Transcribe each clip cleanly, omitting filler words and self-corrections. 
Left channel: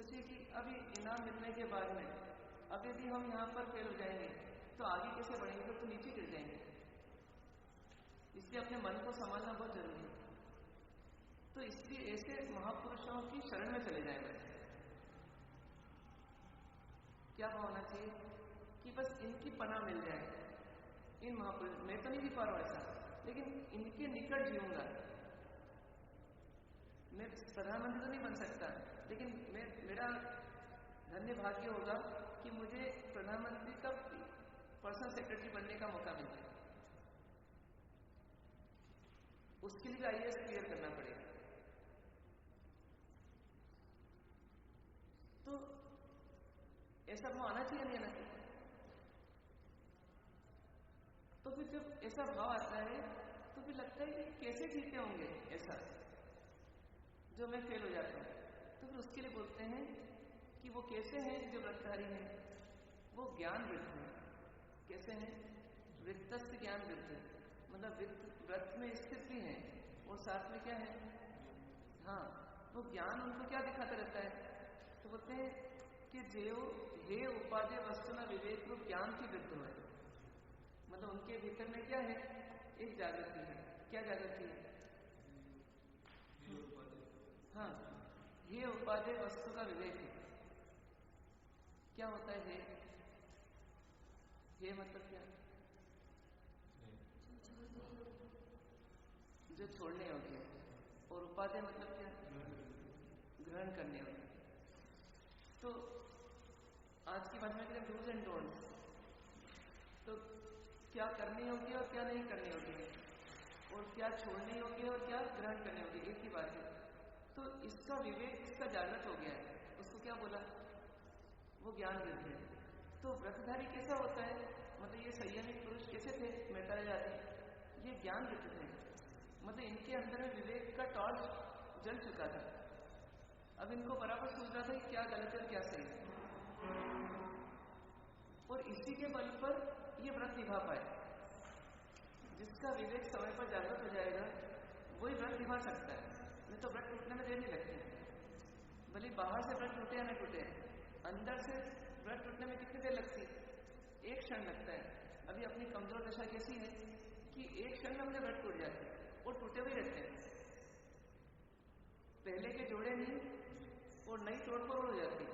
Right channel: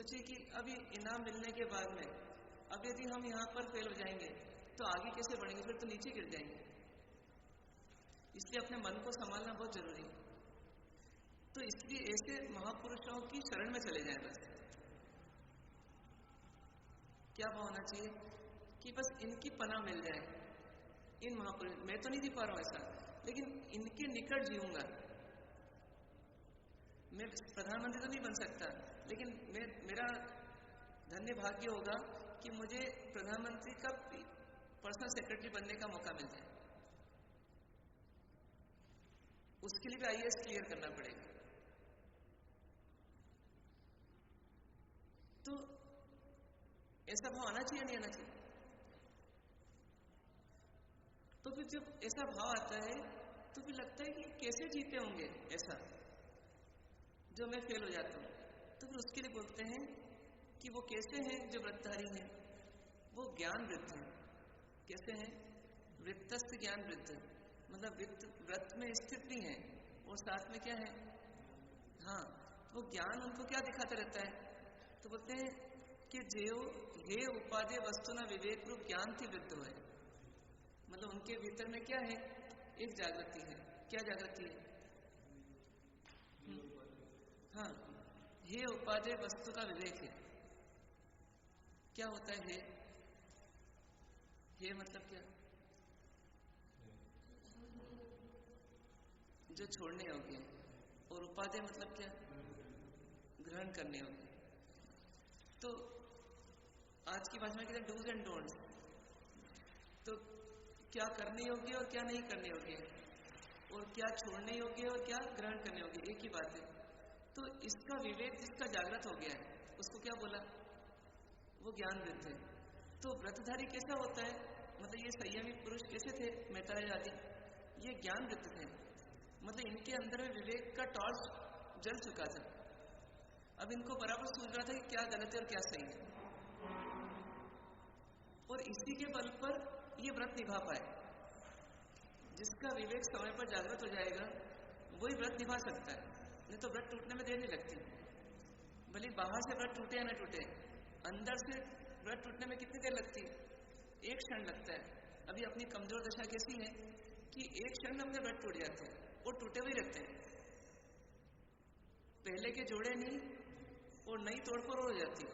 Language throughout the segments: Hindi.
सोचिए कि अभी इनाम मिलने के बाद में अब यदि हम यहाँ पर फेल हो जाएंगे तो आगे कैसे बढ़ेंगे, फिर तो नीचे गिर जाएंगे। इसलिए अपने मन को संभालना बहुत जरूरी है। तो इसलिए ऐसे महापुरुषों की शरण में चले जाए। बस क्या भाव होना चाहिए कि बस इनकी पनाह मिल जाए। इन महापुरुष, मैं तो नहीं जी पा रहा हूं ऐसा, लेकिन इनके निकट जीऊंगा। मैं प्रधानमंत्री तो नहीं बन सकता, लेकिन मेरा धन्य भाग्य होगा कि मुझे प्रधानमंत्री का पर्सनल सेक्रेटरी बनने का मौका मिल जाए। उसके लिए भी आईएएस क्लियर करना पड़ेगा। तो ऐसा भाव आना चाहिए, नहीं आना चाहिए? तो फिर जब ऐसा भाव आता है तो फिर लगता है कि कैसे जीते होंगे ऐसा, जो मैं फेल हो जाता हूं। तो फिर उसके लिए बोलते हैं कि वो कैसे हैं जो व्रतधारी हैं, वो ज्ञान वृत्त है। कैसे हैं? वृत्तस्थ ज्ञान वृत्त, मतलब व्रत में स्थित भी है और साथ में क्या है? हाँ, वो ज्ञान उनको क्या दिखाता रहता है? तो बोलते हैं कि जेव हे उपादेय वस्तु न विवेक रूप ज्ञान की वृत्त है। मतलब उनके भीतर में क्या है? एक जागृति है। क्या जागृति है? हाँ, हे उपादेय वस्तु का विवेक है। क्या होता है हे मतलब क्या? जो छोड़ने योग्य है। और उपादेय मतलब क्या? ग्रहण करने योग्य। तो आज की भाषा में कहते हैं डूज एंड डोंट्स। तो क्या करने योग्य और क्या नहीं करने योग्य है, और क्या छोड़ने योग्य और क्या ग्रहण करने योग्य, एक ही बात है। तो इसका विवेक जिसका जागृत हो गया है उसको क्या बोला? वो ज्ञान वृत्त है। तो व्रतधारी कैसा होता है? मतलब ये संयमी पुरुष कैसे थे? मैत्रेय आदि ये ज्ञान वृत्त थे। मतलब इनके अंदर में विवेक का टॉर्च जल चुका था। अब इनको बराबर सूझ रहा था कि क्या गलत है और क्या सही है, और इसी के बल पर ये व्रत निभा पाए। जिसका विवेक समय पर जागृत हो जाएगा वही व्रत निभा सकता है, नहीं तो व्रत टूटने में देर नहीं लगती। भले बाहर से व्रत टूटे या न टूटे, अंदर से व्रत टूटने में कितनी देर लगती है? एक क्षण लगता है। अभी अपनी कमजोर दशा कैसी है कि एक क्षण में हमें व्रत टूट जाते हैं और टूटे हुए रहते हैं। पहले के जोड़े नहीं और नई तोड़फोड़ हो जाती है।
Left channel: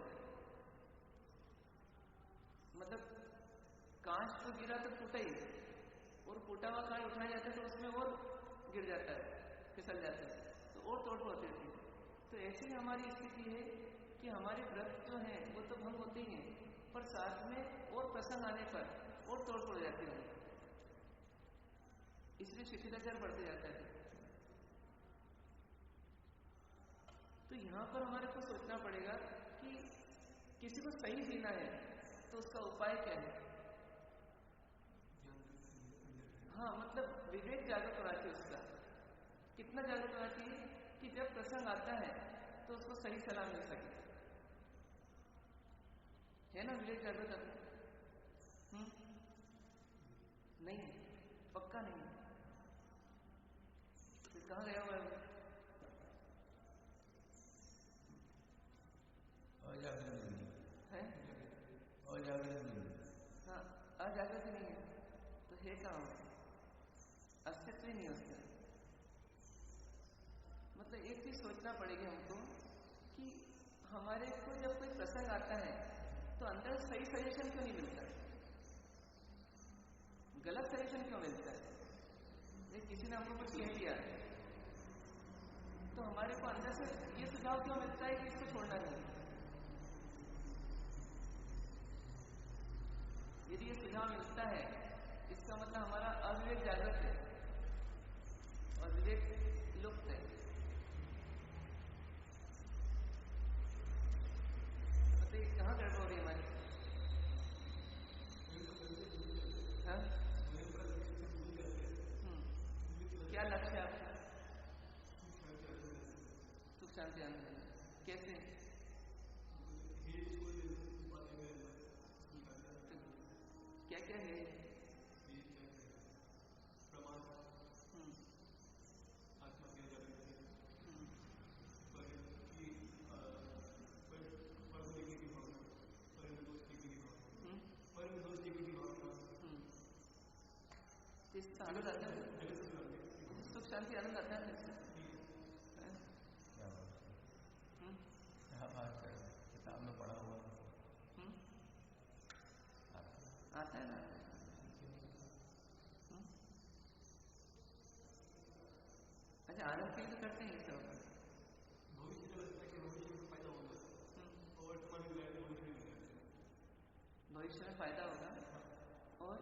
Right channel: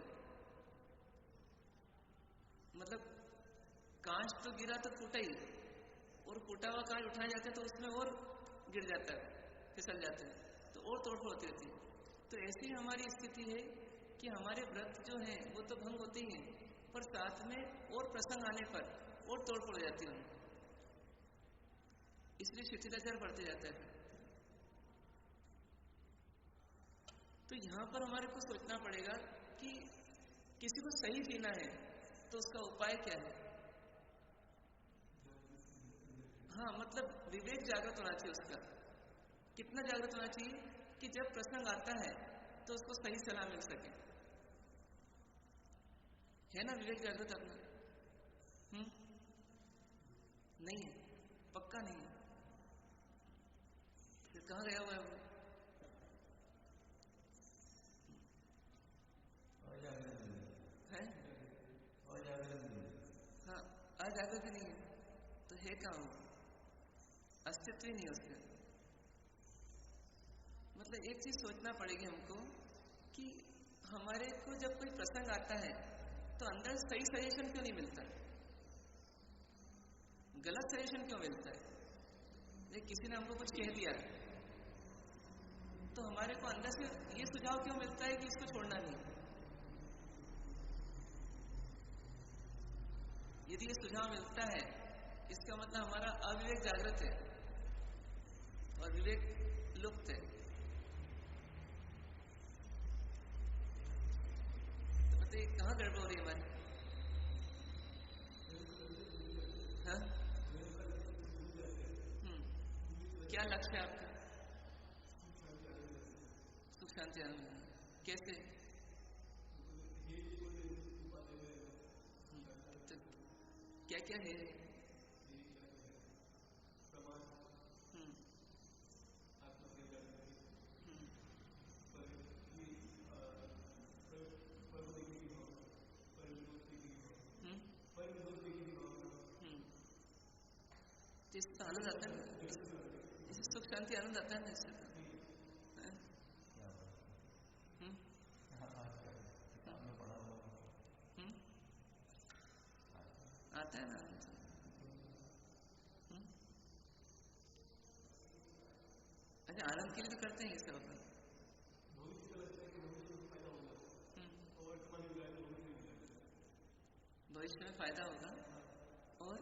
मतलब कांच तो गिरा तो फूटा ही, और फूटा हुआ कांच उठाया जाता है तो उसमें और गिर जाता है, फिसल जाता है, तो और तोड़फोड़ होती रहती है। तो ऐसी हमारी स्थिति है कि हमारे व्रत जो हैं वो तो भंग होते ही हैं, पर साथ में और प्रसंग आने पर और तोड़फोड़ हो जाती है। इसलिए शिथिलाचार बढ़ते जाता है। तो यहां पर हमारे को सोचना पड़ेगा कि किसी को सही जीना है तो उसका उपाय क्या है? हाँ, मतलब विवेक जागृत होना चाहिए उसका। कितना जागृत होना चाहिए कि जब प्रसंग आता है तो उसको सही सलाह मिल सके। है ना विवेक जागृत अपना? नहीं है, पक्का नहीं है। फिर कहाँ गया हुआ है वो? है? हाँ, अजागृत नहीं है तो है कहाँ वो? अस्तित्व ही नहीं है उसका। मतलब एक चीज सोचना पड़ेगी हमको कि हमारे को जब कोई प्रसंग आता है तो अंदर सही सजेशन क्यों नहीं मिलता, गलत सजेशन क्यों मिलता है? किसी ने हमको कुछ कह दिया तो हमारे को अंदर से ये सुझाव क्यों मिलता है कि इसको छोड़ना नहीं। यदि ये सुझाव मिलता है इसका मतलब हमारा अविवेक जागृत है और विवेक लुप्त है। तो बताइए कहाँ गड़बड़ हो रही है हमारी? हाँ? क्या लक्ष्य है आपका? सुख शांति आनंद। कैसे? तो क्या क्या है? आनंद आता है, इसे सुख शांति आनंद आता है ना इससे। किताब में पढ़ा हुआ आता है ना। अच्छा, आनंद के लिए तो करते हैं ये सब। भविष्य में फायदा होगा और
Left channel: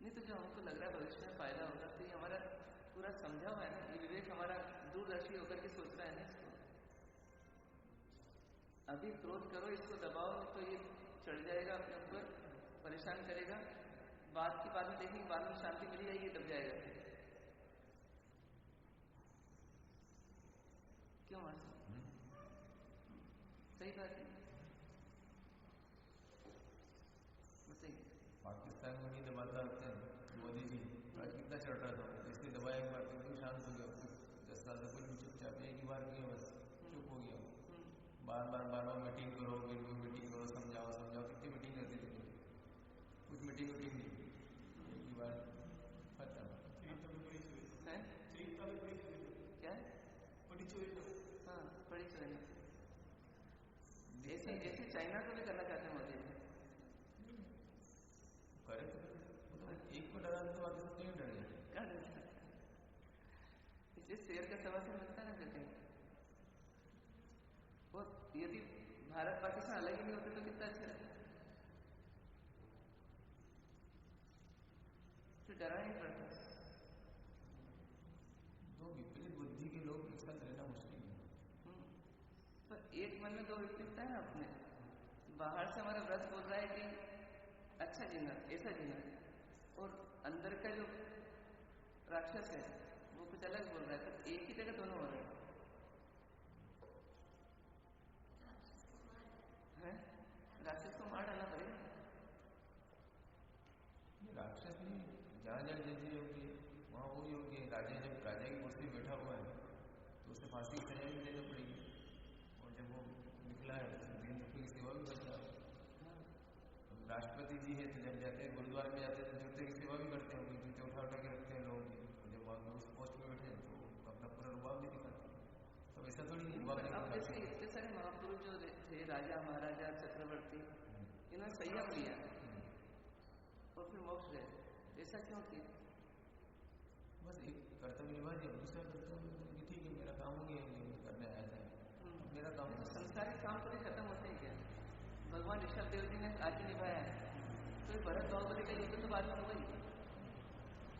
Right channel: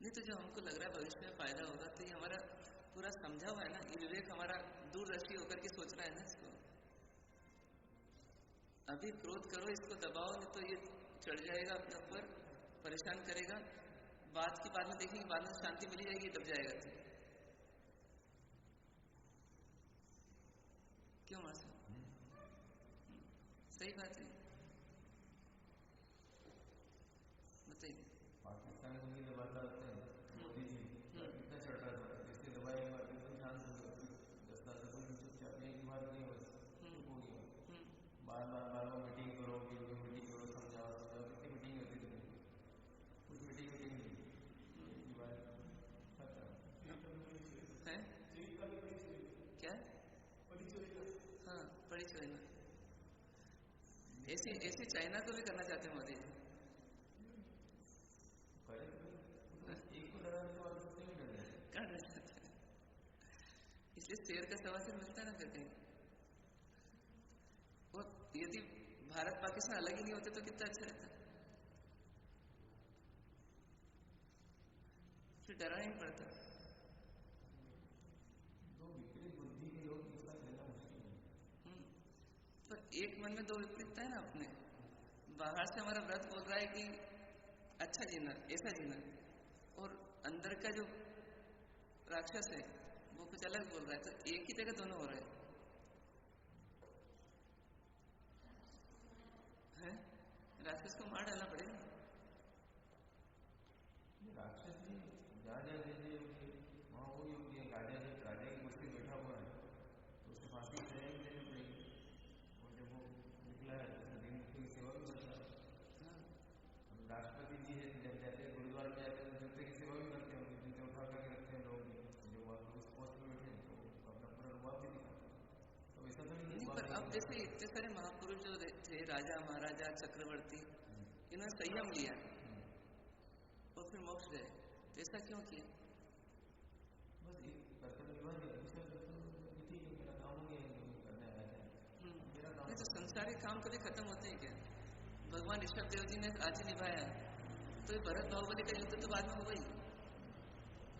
नहीं तो जो हमको लग रहा है भविष्य में फायदा होगा, तो ये हमारा पूरा समझा हुआ है ना, ये विवेक हमारा दूरदर्शी होकर के सोच रहा है ना इसको। अभी क्रोध करो, इसको दबाओ, नहीं तो ये चढ़ जाएगा अपने ऊपर, परेशान करेगा। बात की बाद में देखेंगे, बाद में शांति मिली जाएगी, दब जाएगा। क्यों मासी? सही बात है, बताइए। पाकिस्तान में भी दबाता होते हैं मोदी जी, कितना चढ़ रहा था, इसलिए दबाया एक बार एकदम शांत हो गया। 10 साल से बिल्कुल चुपचाप, एक ही बार किया बस, चुप हो गया। बार बार मीटिंग करो, मीटिंग करो, समझाओ, कितनी मीटिंग रहती थी, कुछ मीटिंग नहीं, एक ही बार खत्म। क्या? हाँ, बड़ी चोरी। ऐसी चाइना को भी करना चाहते हैं मोदी जी। एक को डरा तो और नहीं डर जाए, करना चाहते हैं, इसलिए शेर का सवा से मिलता है ना फिर कहीं। और यदि भारत पाकिस्तान अलग ही नहीं होते तो कितना अच्छा रहता, फिर डरना ही पड़ता। दो विपरीत बुद्धि के लोग एक साथ रहना मुश्किल है। पर एक मन में दो विपरीतता है ना अपने। बाहर से हमारा व्रत बोल रहा है कि अच्छा जीना, ऐसा जीना, और अंदर का जो राक्षस है वो कुछ अलग बोल रहा है, तो एक ही जगह दोनों हो रहे हैं। राक्षस को मार डालना पड़ेगा। राक्षस नहीं, जहाँ जब जैसे योग्य वहाँ वो योग्य है। राजा जब राजा की कुर्सी बैठा हुआ है तो उसे फांसी की सजा भी देनी पड़ेगी, और जब वो निकला है तो दिन की सेवा भी करता है। राष्ट्रपति जी है तो जब जाते हैं गुरुद्वारा में जाते हैं तो जूते की सेवा भी करते हैं, जूते उठा करके रखते हैं लोगों की, जब वहाँ उस पोस्ट में बैठे तो अपना पूरा रुबाब भी दिखाते हैं। तो ऐसा थोड़ी नहीं। पर अब जैसे इतने सारे महापुरुष जो थे, राजा महाराजा चक्रवर्ती, इन्होंने संयम लिया और फिर मोक्ष गए, तो ऐसा क्यों किया? बस एक कर्तव्य निभा दिया, दूसरा कर्तव्य ठीक है मेरा काम नहीं है, करने आया था मेरा काम। नहीं तो संसारिक काम कभी खत्म होते हैं क्या? भगवान ऋषभ देव जी ने आज ही निभाया है, तो ये भरत बाहुबली का युद्ध तो बाद में हुआ ही,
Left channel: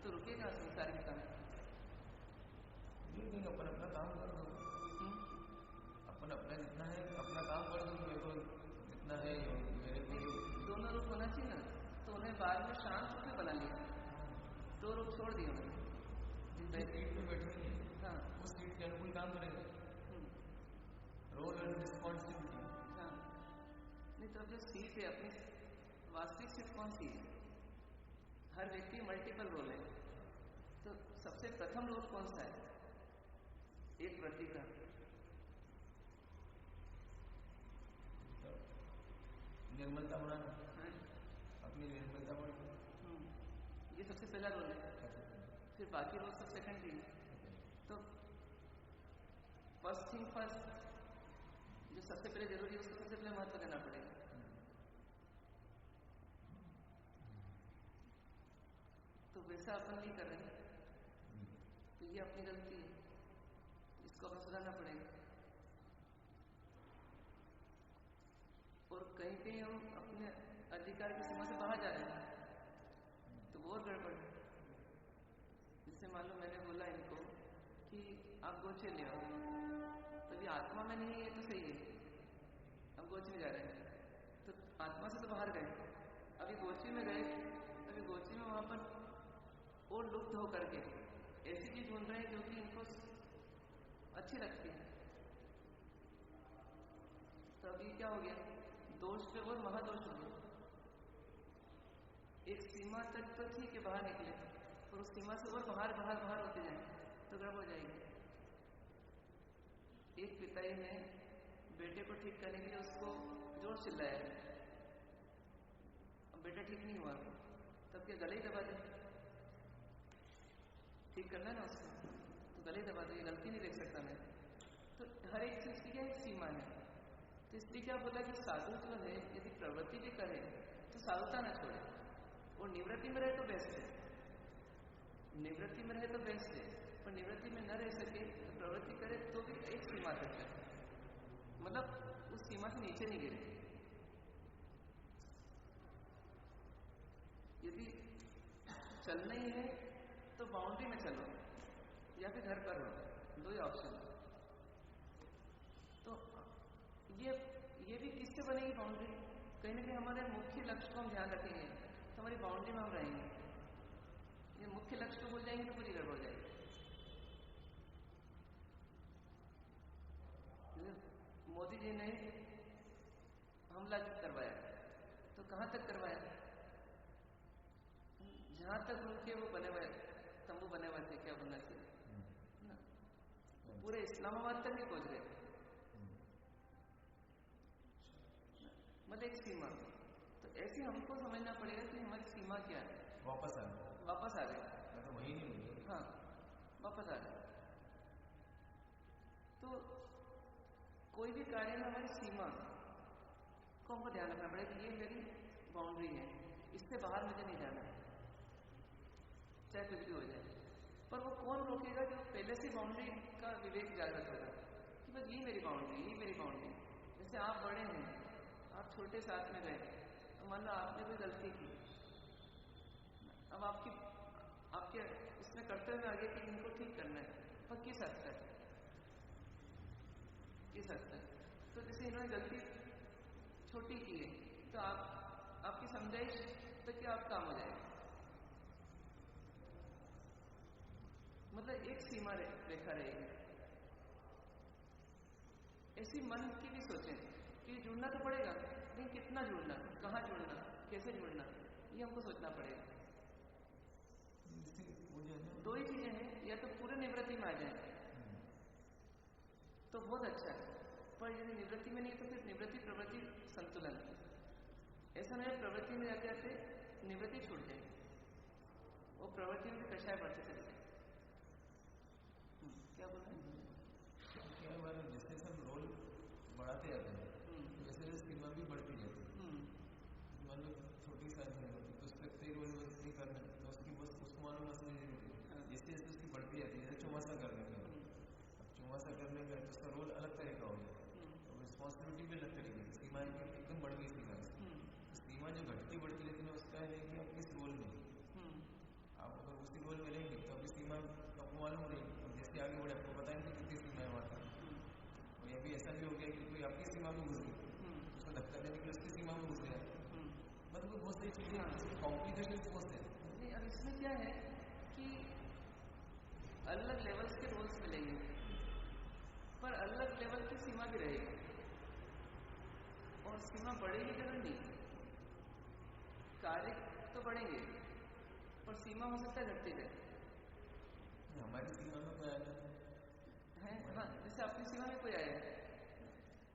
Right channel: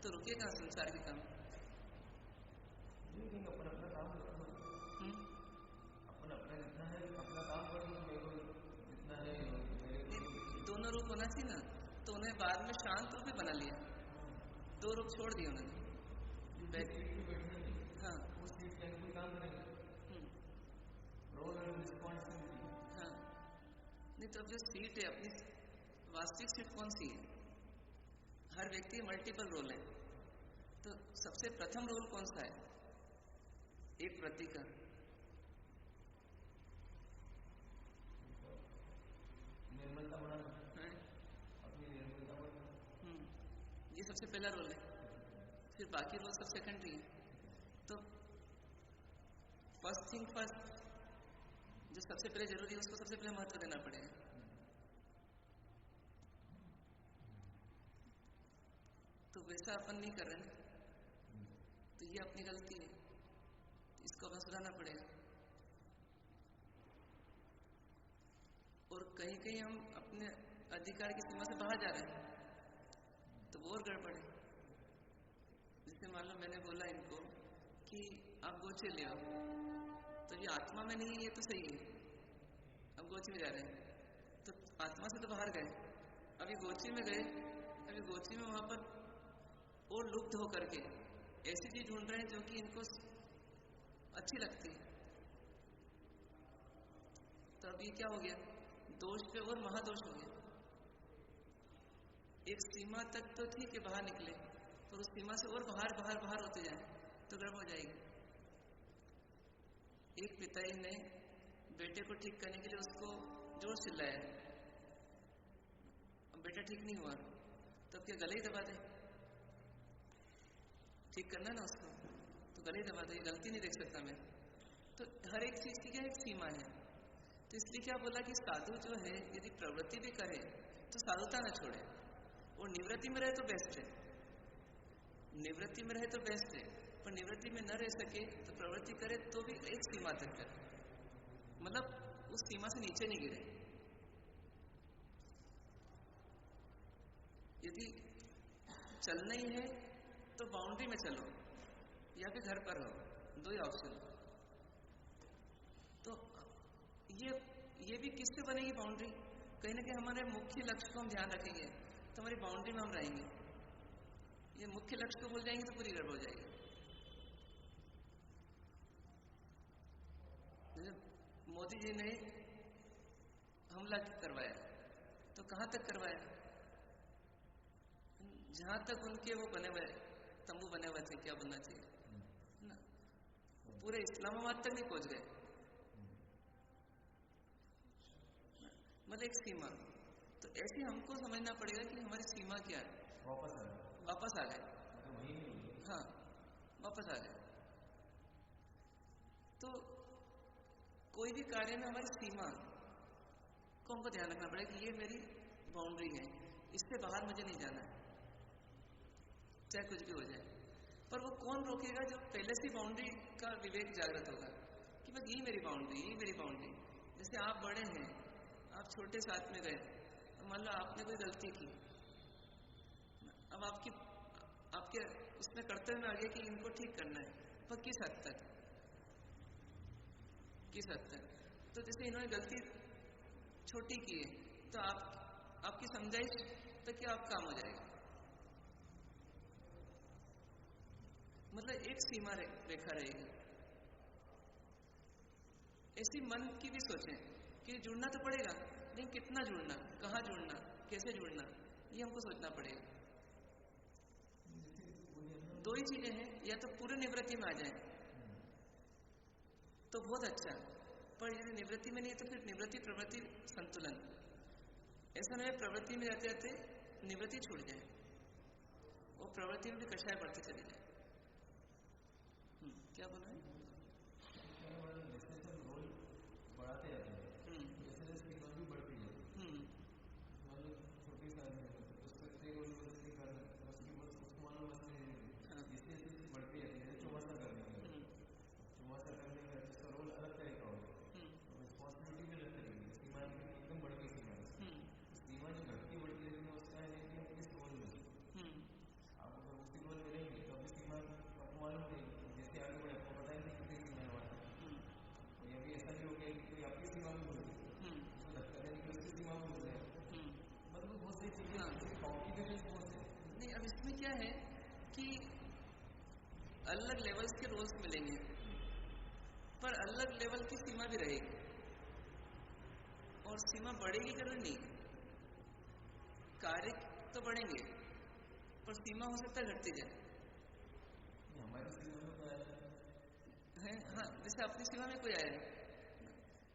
तो रुकेगा संसार के काम। देखेंगे अपन अपना काम कर दो, अपन अपना जितना है अपना काम कर दो, मेरे को जितना है मेरे दोनों रूप होना चाहिए ना, तो उन्हें बाद में शांत रूप में बना लिया, दो रूप छोड़ दिए उन्होंने। सीट पे बैठनी है, हाँ, उस सीट के अनुकूल काम करेगा, रोल एंड रिस्पॉन्सिबिलिटी। हाँ, नहीं तो अब जो सीट है अपनी वास्तविक सीट कौन सी है? हर व्यक्ति मल्टीपल रोल है, तो सबसे प्रथम रोल कौन सा है? एक व्रती का निर्मलता बनाना, अपनी निर्मलता बनाना, ये सबसे पहला रोल है। फिर बाकी रोल सब सेकेंडरी है। तो फर्स्ट थिंग फर्स्ट, जो सबसे पहले जरूरी है उसको सबसे पहले महत्व देना पड़ेगा। तो वैसा अपन नहीं कर रहे, तो ये अपनी गलती है, इसको अपन सुधारना पड़ेगा। और कहीं कहीं हम अपने अधिकार की सीमा से बाहर जा रहे हैं, तो वो और गड़बड़ है। जैसे मान लो मैंने बोला इनको कि आप गोचे ले आओ, तो ये आत्मा में नहीं है, ये तो सही है, अब गोची में जा रहे हैं, तो आत्मा से तो बाहर गए, अभी गोची में गए, अभी गोची में वहां पर और लुप्त होकर के ऐसी चीज ढूंढ रहे हैं जो कि इनको अच्छी लगती है। तो अभी क्या हो गया, दोष पे और महादोष हो गया। एक सीमा तक तो ठीक है बाहर निकले, पर उस सीमा से और बाहर बाहर बाहर होते जाए तो गड़बड़ हो जाएगी। एक पिताजी ने बेटे को ठीक करने के लिए उसको जोर चिल्लाया, अब बेटा ठीक नहीं हुआ, तब क्या गले ही दबा दे? ठीक करना ना उसको, तो गले ही दबा दे, गलती नहीं देख सकता मैं। तो हर एक चीज की क्या एक सीमा है। तो इसलिए क्या बोला कि साधु जो है यदि प्रवृत्ति भी करे तो साधुता न छोड़े, और निवृत्ति में रहे तो बेस्ट है, निवृत्ति में रहे तो बेस्ट है, पर निवृत्ति में न रह सके तो प्रवृत्ति करे तो भी एक सीमा तक करे, मतलब उस सीमा से नीचे नहीं गिरे। यदि चलना ही है तो बाउंड्री में चलो या फिर घर पर रहो, दो ही ऑप्शन। तो ये भी किससे बनेगी बाउंड्री? कहीं ना कहीं हमारे मुख्य लक्ष्य को हम ध्यान रखेंगे तो हमारी बाउंड्री में हम रहेंगे। ये मुख्य लक्ष्य को भूल जाएंगे तो पूरी गड़बड़ हो जाएगी। मोदी जी ने हमला करवाया तो कहां तक करवाया? जहां तक उनके वो बने हुए तंबू बने हुए थे, क्या बनना चाहिए ना, पूरे इस्लामाबाद तक नहीं पहुंच गए, मतलब एक सीमा। तो ऐसे हमको समझना पड़ेगा कि हमारी सीमा क्या है। वापस आ गए, हाँ वापस आ गए। तो कोई भी कार्य में हमारी सीमा को हमको ध्यान रखना पड़ेगा कि ये मेरी बाउंड्री है, इससे बाहर मुझे नहीं जाना है, चाहे कुछ भी हो जाए। पर वो कौन रोकेगा? जो पहले से बाउंड्री का विवेक जागृत होगा कि बस ये मेरी बाउंड्री, ये मेरी बाउंड्री। जैसे आप बड़े हैं, आप छोटे साथ में गए, तो मान लो आपने कोई गलती की, अब आपके उसमें कर्तव्य में आ गया कि इनको ठीक करना है, पर किस हद तक? तो जैसे इन्होंने गलती छोटी की है तो आपकी समझाइश तक क्या आप काम हो जाएगा, मतलब एक सीमा रेखा रहेगी। ऐसी मन की भी सोचें कि जुड़ना तो पड़ेगा, लेकिन कितना जुड़ना, कहाँ जुड़ना, कैसे जुड़ना, ये हमको सोचना पड़ेगा। दो ही चीजें हैं, या तो पूरे निवृत्ति में आ जाए तो बहुत अच्छा, पर यदि निवृत्ति में नहीं है तो फिर निवृत्ति प्रवृत्ति संतुलन। ऐसा नहीं प्रवृत्ति में जाते जाते निवृत्ति छूट जाए, वो प्रवृत्ति में भी कषाय बढ़ते चले जाए। क्या बोल रहे हैं? जैसे सब रोल बढ़ाते जाते हैं वैसे सीमा भी बढ़ती जाती है। मान लो छोटी साइज है तो उसके रोल नहीं करना, तो उसकी बस उसको मालूम मसले नहीं होती, जैसे जैसे उसकी बढ़ती जाती है। जैसे चौमासा करने का, चौमासा करने का तो उसका रोल अलग तरह का होगा और रिस्पॉन्सिबिलिटी भी अलग तरह की। सीमा एकदम बढ़ गई सीमा, सीमा जो घटती बढ़ती रहती है उसका है कि आप किस रोल में, आप अगर उसी रोल में रहेंगे तो अभी सीमा आपको मालूम रहेगी, जैसे आगे बढ़े आपको पता नहीं कितनी सीमा है वहाँ पर। और ये भी ऐसा भी हो गया कि कोई आपकी सीमा में घुस गई, उसको धक्का देने के लिए उसकी सीमा में घुस गया, मतलब बहुत सारी चीजें कॉम्प्लिकेशन बहुत है। नहीं, अब इसमें क्या है कि अलग लेवल्स के रोल्स मिलेंगे, पर अलग लेवल की सीमा भी रहेगी, और सीमा बढ़ेगी जरूरी नहीं, कार्य तो बढ़ेंगे पर सीमा हो सकता है घटती जाए। हमारी सीमा में कोई आया है, हाँ, जैसे अपनी सीमा में कोई आया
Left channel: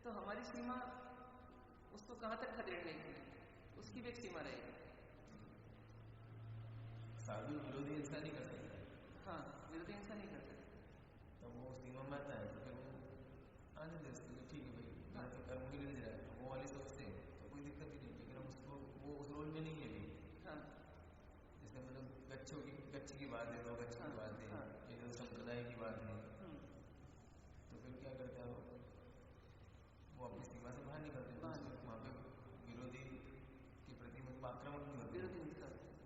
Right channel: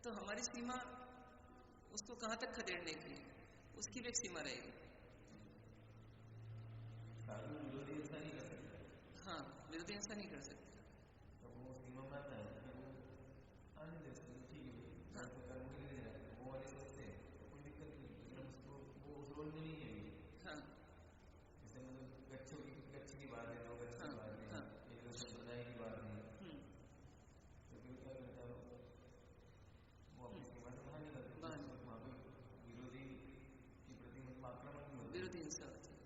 तो हमारी सीमा उसको कहाँ तक खदेड़ने की, उसकी भी एक सीमा रहेगी। साधु विरोधी हिंसा नहीं कर सकता, हाँ, विरोधी हिंसा नहीं कर सकता, तो वो सीमा में आता है तो फिर वो आने दे उसको, ठीक है भाई तो कर्म के लिए जाए, वो वाली सोचते हैं तो कोई दिक्कत ही नहीं, लेकिन उसको वो उस रोल में नहीं है अभी। हाँ, जैसे मतलब गच्छ की बात है, दो गच्छ की बात है, एक संप्रदाय की बात है, तो फिर क्या करता है वो अपनी सीमा से बाहर निकलते, वहाँ पे विरोधी के प्रति आक्रामक नहीं होते, विरोधी हिंसा होती है।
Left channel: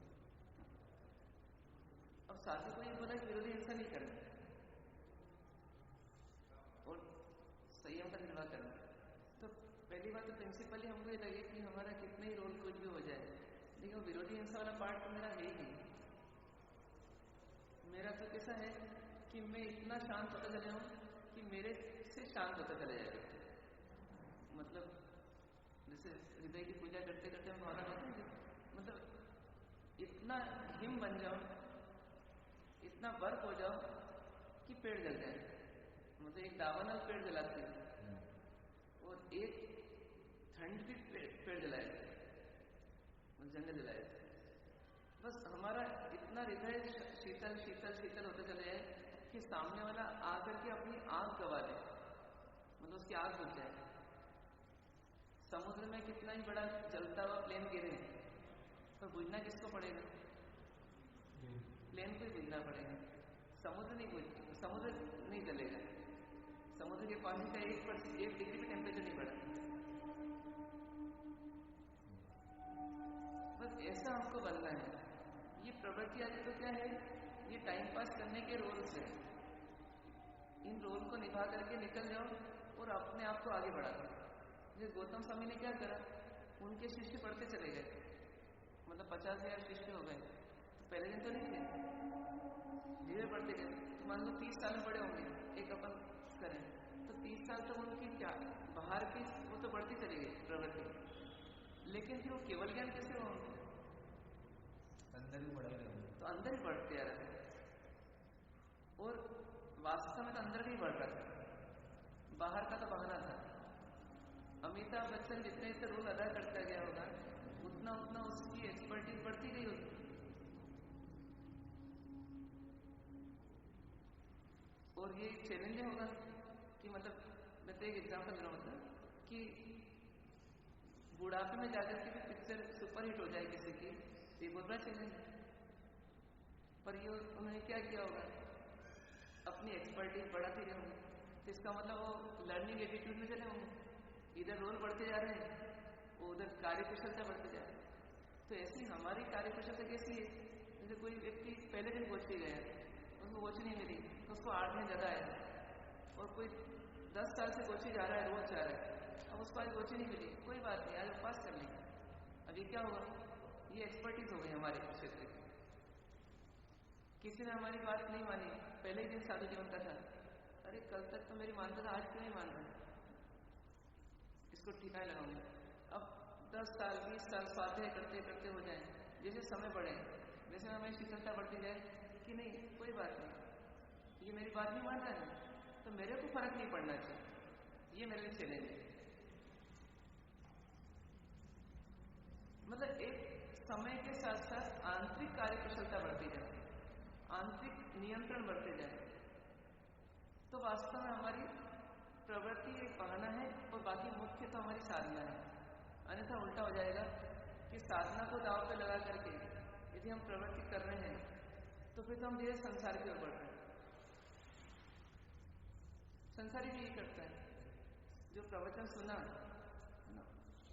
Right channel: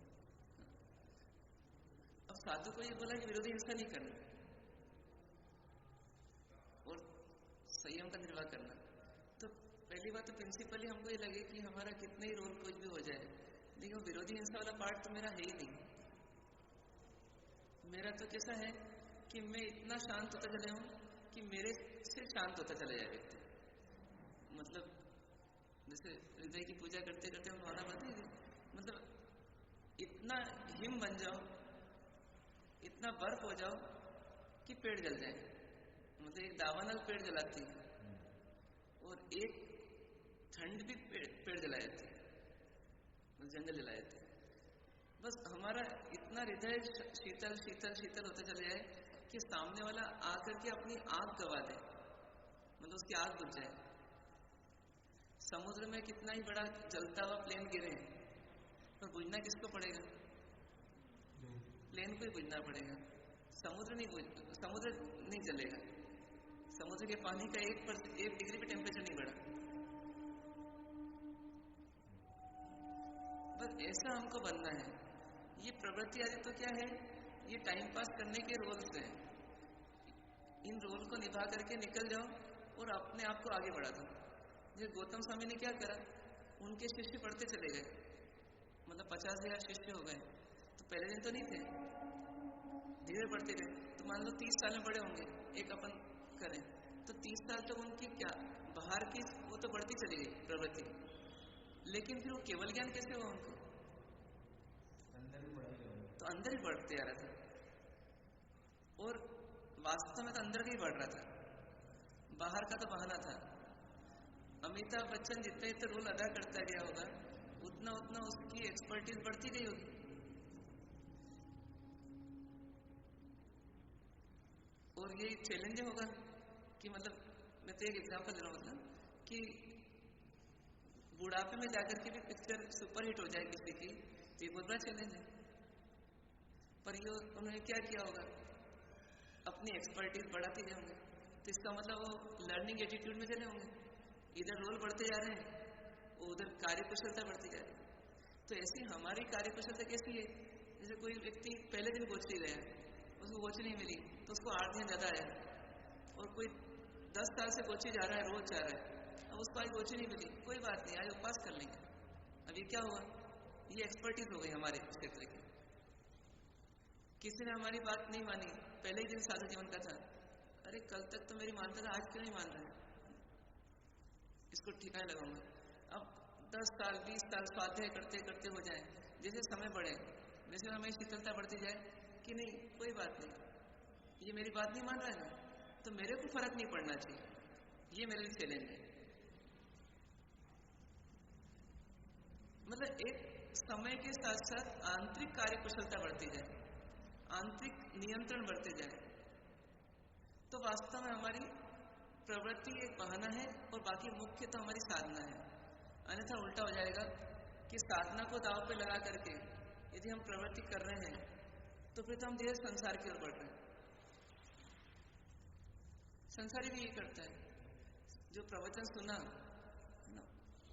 अब साधु को ये बोला कि विरोधी हिंसा नहीं करना और संयम का निर्वाह करना, तो पहली बात तो प्रिंसिपली हमको ये लगे कि हमारा कितना ही रोल कुछ भी हो जाए, लेकिन विरोधी हिंसा वाला पार्ट तो मेरा है ही नहीं। मेरा तो कैसा है कि मैं इतना शांत होता चला हूं कि मेरे से शांत होता चला जाए व्यक्ति। मतलब जैसे हृदय की पूजा करते करते हम भावना बताएंगे, मतलब इतना हिम बन जाओ, इतना बर्फ हो जाओ कि पेड़ जल जाए। मतलब एक दावानल पेड़ जलाती है और एक ठंड भी पेड़ जलाए थे, जंगल जलाए थे। बस हमारा इतना हृदय शीतल शीतल शीतल होता चले जाए कि सामने वाला आकर के अपनी आग गवा दे, मतलब उसकी आग बुझ जाए। समुद्र में कितना ही बड़ा जलता हुआ प्लेन गिरे, पर बुझना किसको पड़ेगा? प्लेन को ही बुझना पड़ेगा। समुद्र नहीं जलेगा। समुद्र के पानी का 1 डिग्री भी टेम्परेचर नहीं बढ़ा। बस ऐसा हमको बनना है। ये प्रवृत्ति आदि तो क्या है, ये टाइम पास करने के रोल्स है। इन रोल को निभा करके निकल जाओ और अपने आप को आगे बढ़ा दो। जैसे गौतम स्वामी ने क्या करा, उनके शिष्य पढ़ते चले गए, मतलब 50,000 शिष्य हो गए। तो पहले दिन तो नहीं थे, धीरे बढ़ते गए। तो मान लो 30 साल में बड़े होंगे, एक अपन करें तो 30 साल तक उनकी क्या बाहर की वो तो बढ़ती चली गई प्रवृत्ति, लेकिन फिर वो केवल ज्ञान कैसे हुआ उनको? तो अंदर ही बढ़ते आ रहे थे, और वास्तव में तो अंदर का ही बढ़ रहा था, बाहर का तो बहाना था। अमिताभ बच्चन जितने जितने रोल अदा करता गया होगा, उतना उतना उसकी एक्सपर्टीज बढ़ती गई होगी। और ये चैलेंज होगा कि मतलब मैं तो एक एग्जांपल दे रहा हूँ, मतलब कि बुढ़ापे में जाकर के भी पिक्चर सुपरहिट हो जाए किसी की, तो ये बहुत बड़ा चैलेंज है। पर ये उन्होंने क्या किया होगा, अपनी एक्सपर्टीज बढ़ाते गए होंगे। तो इसका मतलब वो लर्निंग एटीट्यूड में चले होंगे, इधर रोल बढ़ते जा रहे हैं, उधर कार्यकुशलता बढ़ती जा रही है। तो ऐसी हमारी कार्यकुशलता कैसी है? जैसे कोई व्यक्ति पहले दिन कोचरी गया, उसको कोचरी नहीं मिली तो उसको 8 दिन ज़्यादा आया, और कोई 10 साल से कोचरी जा रहा है, रोज जा रहा है, अब उसको आज कोचरी नहीं मिली, कोई बात नहीं, आज वो पास कर लेंगे। अब ये क्या हुआ, ये एक्सपर्टीज हो गई हमारे क्षेत्र की। किसी ने हमारी बात नहीं मानी, पहले ही दिन साधु जीवन का था, अरे कल तक तो मेरी मानता था, आज क्यों नहीं मान रहा है, इसको ठिकाने लगाऊंगा। अब 10 साल 20 साल स्वाध्याय करते करते हो जाए, जैसे समय बढ़े वैसे हमें शीतलता बढ़ती जाए कि नहीं कोई बात नहीं, ये मेरी बात नहीं मान रहा है ना, तो मेरे को फर्क नहीं पड़ना चाहिए। ये मेरे लिए चैलेंज है। मतलब एक समय के साथ साथ आंतरिक कार्यकुशलता बढ़ती जाए, आंतरिक नियंत्रण बढ़ते जाए, तो वास्तव में हमारी प्रवृत्ति एक बहाना है और बाकी मुख्य तो हमारी साधना है। अन्यथा उल्टा हो जाएगा कि साधना को दांव पे लगा करके यदि हम प्रवृत्ति कर रहे हैं तो फिर तो हम धीरे संसार की ओर बढ़ रहे हैं। संसारी भी यही करता है, जो प्रवचन सुना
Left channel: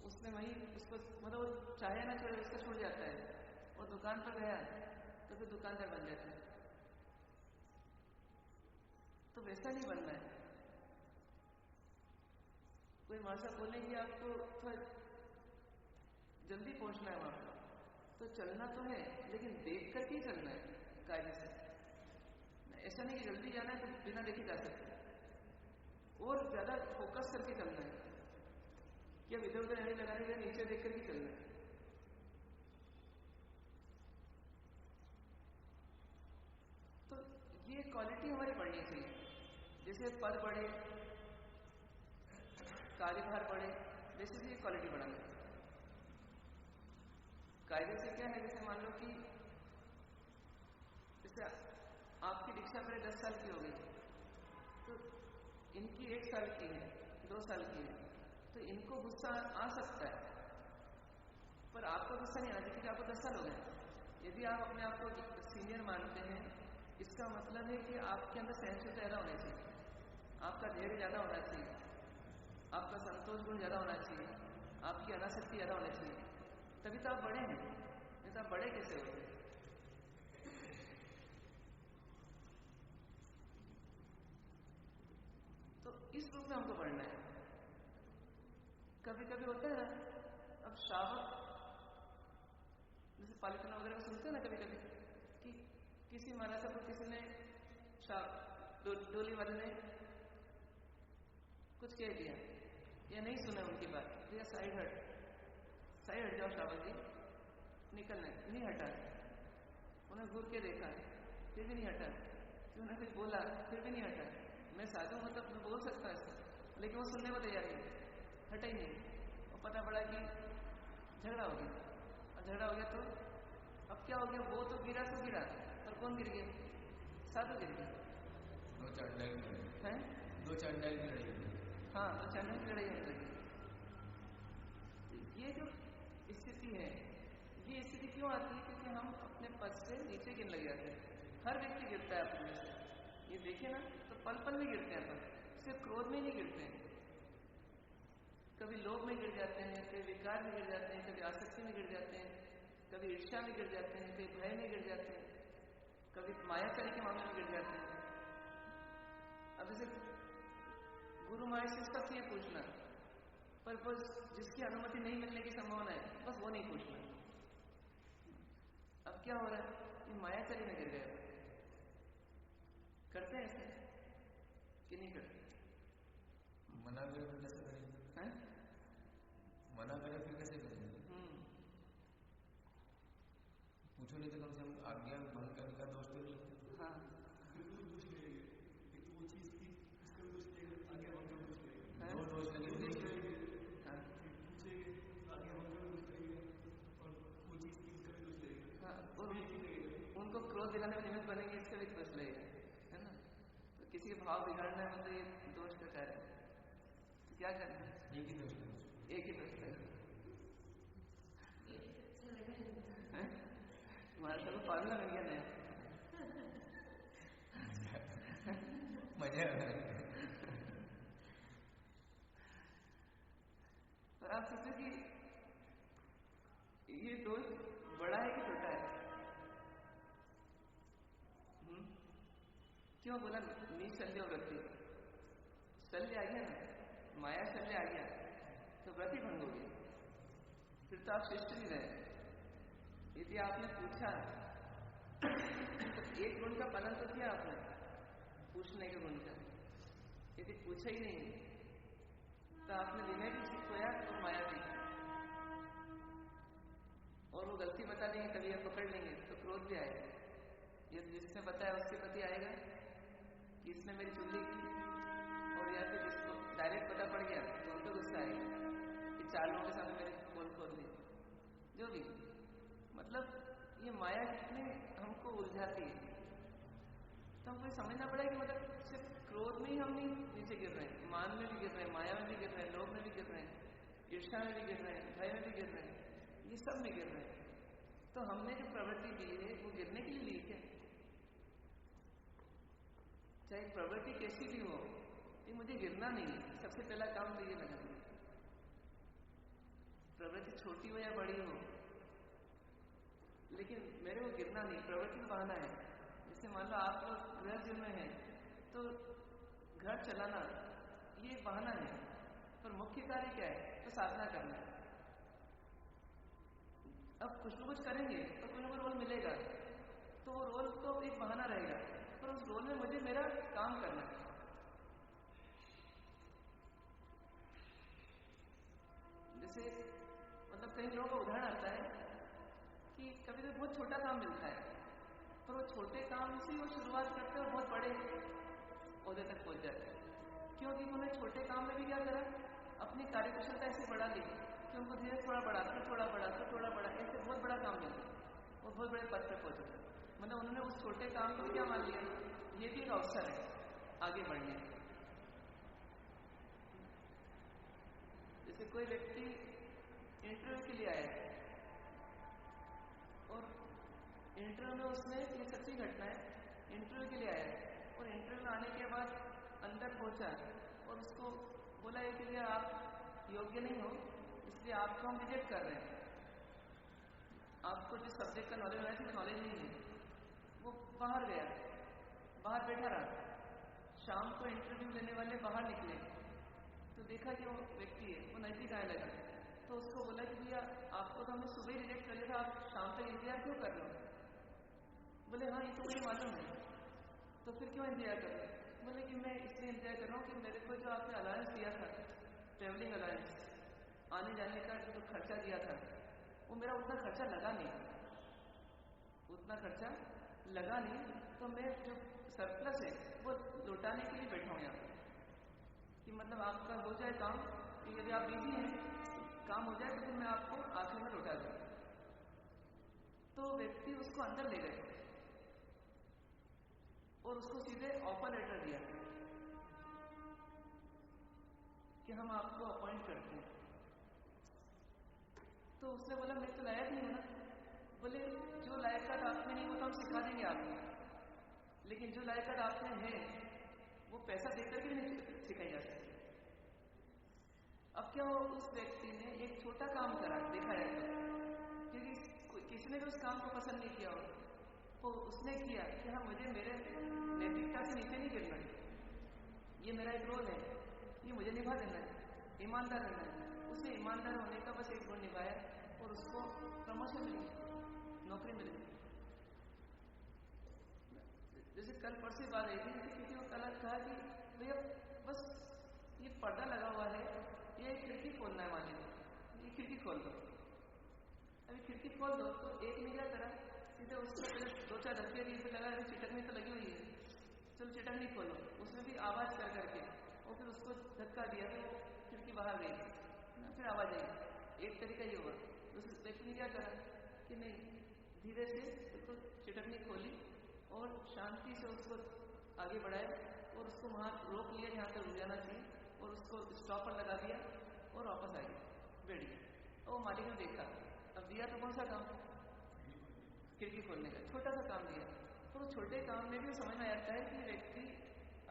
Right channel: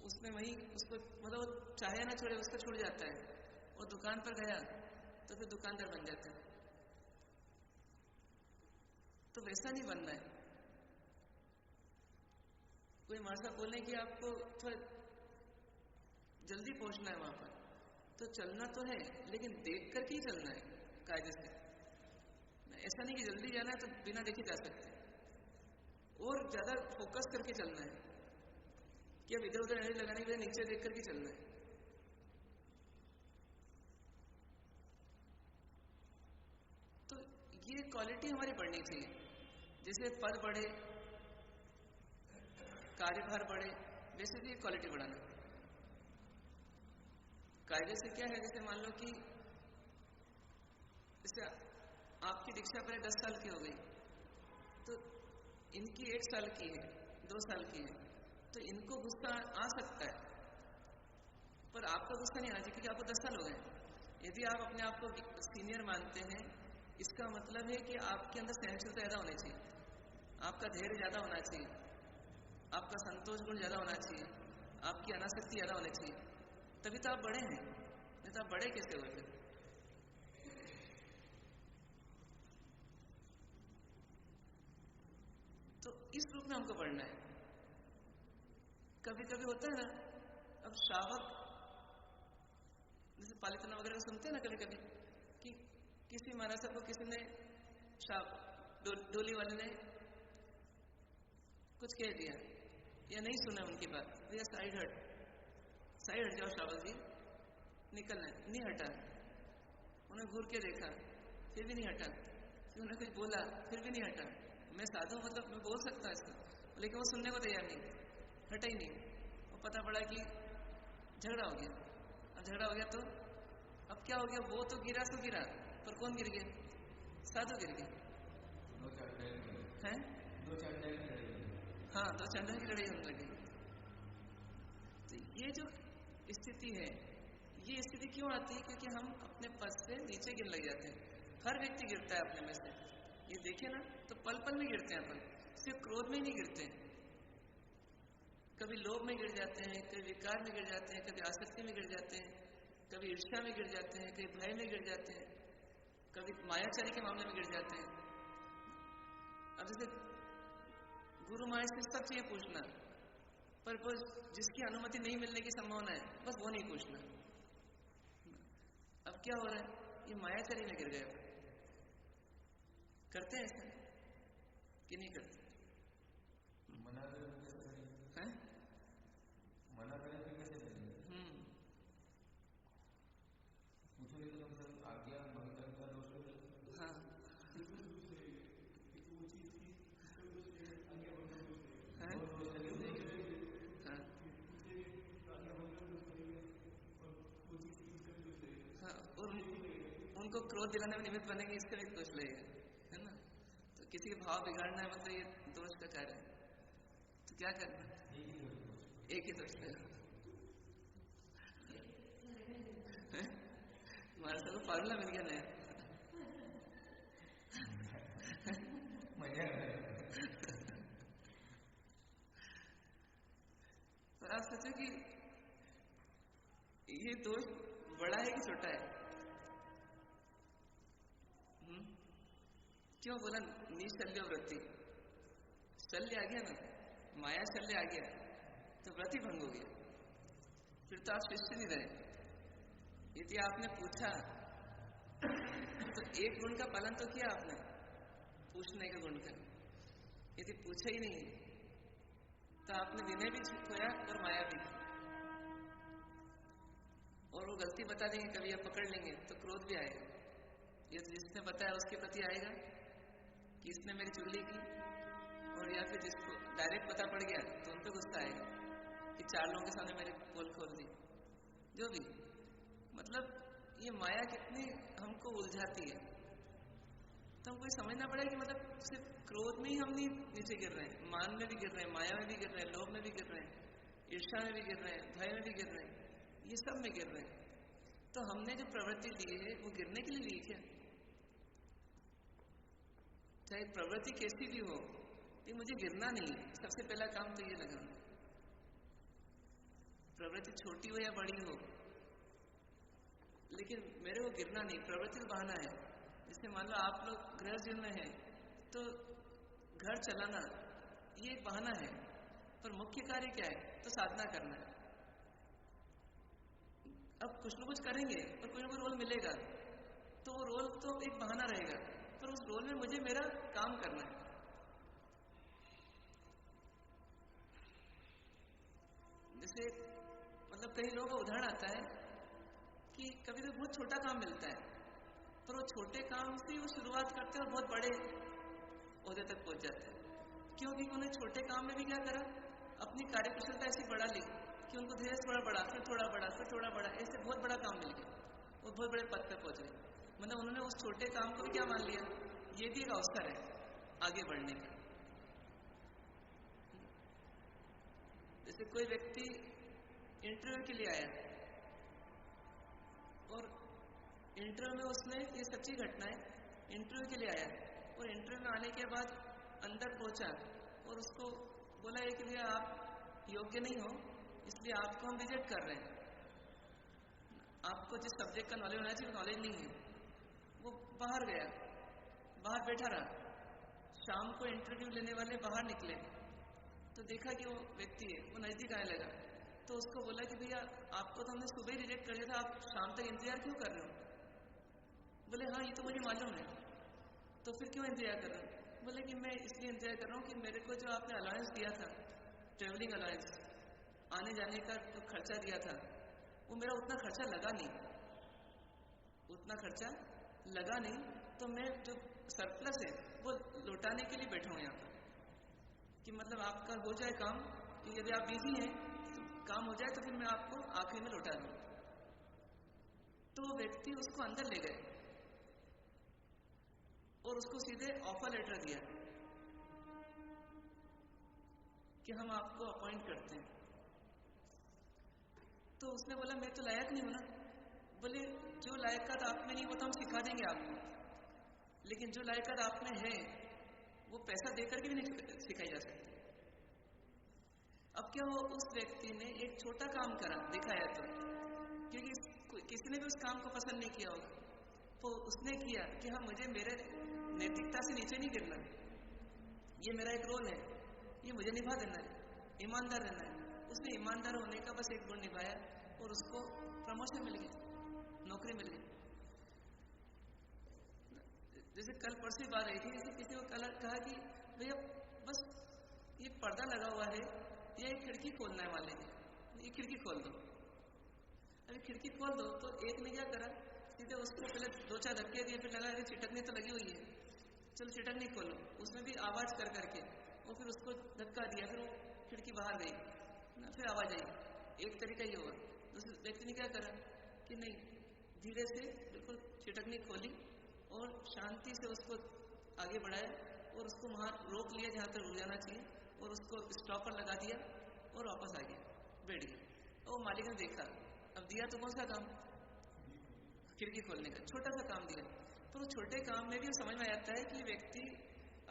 उसमें वही उसको मतलब चाहे ना छोड़े उसका छूट जाता है, और दुकान पर गया तो फिर दुकानदार बन जाता है। तो वैसा नहीं बनना है। कोई हमारे साथ बोले कि आपको थोड़ा जल्दी पहुंचना है वहां पर, तो चलना तो है लेकिन देख करके ही चलना है कायदे से। ऐसा नहीं कि जल्दी जाना है तो बिना देखे जा सकते, और ज्यादा फोकस करके चलना है कि अब इधर उधर एनर्जी लगाने के लिए नीचे देख करके चलना है। तो ये क्वालिटी हमारी बढ़नी चाहिए। जैसे पद बढ़े, कार्यभार बढ़े, वैसे भी क्वालिटी बढ़ाना है। कायदे से क्या है, जैसे मान लो कि जैसे आपकी दीक्षा पहले 10 साल की हो गई, तो इनकी 1 साल की है, 2 साल की है, तो इनको गुस्सा आ सकता है, पर आपका गुस्सा नहीं आना चाहिए क्योंकि आपको 10 साल हो गए। यदि आप अपने आप को सीनियर मानते हैं, इसका मतलब है कि आपके अंदर सहनशीलता ज्यादा होनी चाहिए, आपका धैर्य ज्यादा होना चाहिए, आपका संतोष गुण ज्यादा होना चाहिए, आपकी अनासक्ति ज्यादा होनी चाहिए, तभी तो आप बड़े हैं। नहीं तो आप बड़े कैसे हो? तो इस रूप में हमको बढ़ना है। कभी कभी होता है ना, अब श्रावक जैसे पालितना वगैरह सुनते हैं ना कभी कभी, कि किसी महाराज को किसी ने डोली वाले ने कुछ कह दिया या नहीं सुना उनकी बात, भैया साइड हट जाओ श्रावक जी, निकलना है, नहीं हटा। उन्हें घूर के देखा, फिर भी नहीं हटा, फिर उन्हें कुछ बोला, फिर भी नहीं हटा। मैं साधु मतलब मैं बोल सकता इसको, लेकिन वो सुनने को तैयार नहीं, हटा ही नहीं। पता पड़ा कि झगड़ा हो गया। अब झगड़ा हो गया तो अब क्या हो गया, वो तो गिरा सो गिरा, पर कौन गिर गया? साधु गिर गया। हैं? दो चंडाल की लड़ाई। हाँ, दो चंडाल की लड़ाई होने लगी। तो ये जो स्थिति है, ये स्थिति क्यों आती है? क्योंकि हम अपने पद से नीचे गिरने लग जाते हैं। हर व्यक्ति गिरता है अपने में से, ये देखिए ना, तो पल पल में गिरते हैं अपन, सिर्फ क्रोध में ही नहीं गिरते हैं, कभी लोभ में गिर जाते हैं, कभी विकार में गिर जाते हैं, कभी आसक्ति में गिर जाते हैं, कभी ईर्ष्या में गिर जाते हैं, कभी भय में गिर जाते हैं, कभी मायाचारी के मामले में गिर जाते हैं। अब जैसे गुरु माया से सब चाहिए पूछना, पर वो जिसकी अनुमति नहीं मिलने की संभावना है, बस वो नहीं पूछना। अब क्या हो रहा है, ये मायाचारी में गिर गए। करते हैं ऐसा कि नहीं करते? मना करें तो कैसे करेंगे? हैं? मना करें फिर कैसे करेंगे? पूछो नहीं तो कम से कम आज्ञा भंग करने का दोष तो नहीं। हाँ, फिर तो पूछ लेंगे, एक तो वो चीज की इसका दोष लेंगे, आज्ञा भंग का दोष लेंगे, दो दोष लेंगे। हाँ, पूछेंगे आज्ञा भंग का दोष लेंगे और वो चीज की इसका भी दोष लेंगे। हाँ, उनको क्रोध दिलाने में निमित्त बनेंगे, इसका भी दोष लगेगा, है ना? तो किसी के भाव बिगाड़ना है, मतलब ये दोष का कार्य है। तो क्या करना? एक ही दोष, एक ही दोष लेगा। हमारे साथ फॉर्मूला मिल गया नया। मजा आ रहा है। तो आप सोचो कि ये दोष बड़ा है कि छोटा है? क्यों बोला निशल्य वृत्ति? शल्य आ गया ना, माया शल्य आ गया तो व्रति भंग हो गया, फिर तो आप शिष्य नहीं रहे। यदि आपने पूछा तो एक गुण का पालन तो किया आपने, पूछने के गुण का। यदि पूछा ही नहीं तो आपने विनय भी खोया और माया भी, और वो गलती बता देंगे, कभी आप पकड़ लेंगे तो क्रोध भी आएगा। ये जिसने बताया उसके प्रति आएगा कि इसने मेरी चुगली की, और या फिर जिसको डायरेक्ट पता पड़ गया तो उन पर गुस्सा आएगा कि 4 लोगों के सामने मेरे पोल खोल दी। जो भी, मतलब ये माया कितनी हमको उलझाती है। तो हमको समझना पड़ेगा कि मतलब सिर्फ क्रोध में ही हम नहीं नीचे गिर रहे हैं, मान में भी गिर रहे हैं, माया में भी गिर रहे हैं, लोभ में भी गिर रहे हैं, ईर्ष्या में भी गिर रहे हैं, भय में भी गिर रहे हैं, ये सब में गिर रहे हैं। तो हमने जो प्रवृत्ति ली है वो गिरने के लिए ली क्या? चाहे प्रवृत्ति कैसी भी हो, ये मुझे गिरना नहीं है। सबसे पहला काम तो ये लगा, प्रवृत्ति छोटी हो या बड़ी हो, लेकिन मेरे को गिरना नहीं। प्रवृत्ति तो बहाना है। जैसे मान लो आप लोग गृह जीवन में हैं तो घर चलाना ये एक बहाना है, पर मुख्य कार्य क्या है? तो साधना करना है। अब कुछ न कुछ करेंगे और कोई ना कोई रोल मिलेगा, तो वो रोल तो एक बहाना रहेगा, पर उस रोल में मुझे मेरा काम करना है। जैसे मतलब कई लोगों का उदाहरण आता है कि कभी कभी बहुत छोटा काम मिलता है, पर वो छोटे काम से वो शुरुआत करते हैं और बहुत बड़े ओहदे तक पहुंच जाते हैं। क्योंकि उन्होंने छोटे काम में भी क्या करा, अपनी कार्यकुशलता ऐसी बढ़ा ली कि उनको धीरे थोड़ा बड़ा, फिर थोड़ा बड़ा, फिर थोड़ा बड़ा, ऐसे बहुत बड़ा काम मिल गया, वो बहुत बड़े पद पे पहुंच गए। मतलब उन्होंने उस छोटे काम को भी क्या मान लिया, ये भी एक अवसर है आगे बढ़ने का। जैसे कोई व्यक्ति इंटरव्यू के लिए आया और इंटरव्यू में उसने, ये सच्ची घटना है, इंटरव्यू के लिए आया और इंटरव्यू में आने के बाद अंदर पहुंचा और उसको बोला है कि भैया आप योग्य नहीं हो, इसलिए आपको हम रिजेक्ट कर रहे हैं, आपको जिस सब्जेक्ट का नॉलेज होना चाहिए नॉलेज नहीं है। वो बाहर गया, बाहर बैठा रहा। शाम को इंटरव्यू लेने वाले बाहर निकले तो देखा कि वो व्यक्ति है, वो नजदीक आने लगा, तो उसको बोला कि भैया आपको तो हमने सुबह ही रिजेक्ट कर दिया था, आप शाम तक इंतजार क्यों कर रहे हो? बोले हाँ ये तो मुझे मालूम है। तो फिर क्यों इंतजार कर रहे हो? बोले कि मैं इसलिए इंतजार कर रहा हूँ कि मेरे को जो आपने अलाउंस दिया था, ट्रेवलिंग अलाउंस, आने जाने का जो खर्चा दिया था, वो मेरा उतना खर्चा लगा नहीं, उतना खर्चा लगा नहीं, तो मैं जो सरप्लस है वो लौटाने के लिए बैठा हूँ यहाँ पर, कि मतलब आपका हो जाए काम, कि यदि आप बिजी हैं तो काम हो जाए तो फिर मैं आपको आखिरी में लौटा दूँ। तो व्यक्ति उसको अंदर ले गए और उसको सीधे ऑफर लेटर दिया कि हम आपको अपॉइंट करते हैं। तो उसने बोला मैं तो लायक नहीं हूं ना। बोले जो लायकात आप में नहीं वो तो हम सिखा देंगे आपको, लेकिन जो लायकात आप में है वो पैसा देकर के भी नहीं सिखाई जा सकती। अब क्या हो, उस व्यक्ति ने एक छोटा काम करा दिखाया तो, क्योंकि किसी ने भी उस काम को पसंद नहीं किया हो, तो उसने किया कि हाँ मुझे मेरे नैतिकता से नीचे नहीं गिरना, ये मेरा एक रोल है, ये मुझे निभा देना है, ईमानदार रहना है। उसने ईमानदार होने का बस एक गुण निभाया और उसको प्रमोशन मिल गया, नौकरी मिल गई। जैसे कल परसों बात आई थी, जैसे किसी को कल कहा कि भैया बस ये पर्दा लगा हुआ है, ये खिड़की खोलना है, मान लीजिए ये खिड़की खोल दो। अभी खिड़की खोल दो तो एक ने क्या करा, सीधे उसको पहले 2-4 धक्के दिए, फिर लगा अभी चिटकनी तो लगी हुई है, चलो चिटकनी खोलो। उसमें भी आवाज कर करके वो फिर उसको धक्का दिया, फिर वो खिड़की बाहर गई, फिर आवाज आई। एक तरीका ये हुआ। दूसरे व्यक्ति ने क्या करा कि नहीं, धीरे से बिल्कुल चिटकनी खोली और शांति से उसको आगे बढ़ाया और उसको वहां रोक लिया जहां तक रुक जाना चाहिए, और उसको स्टॉपर लगा दिया और वापस आ गया, बैठ गया। और मालिक ने देखा, अब दिया तो कौन सा काम, खिड़की खोलने का छोटा सा काम दिया। तो वो छोटे काम में भी समझ में आता है कि व्यक्ति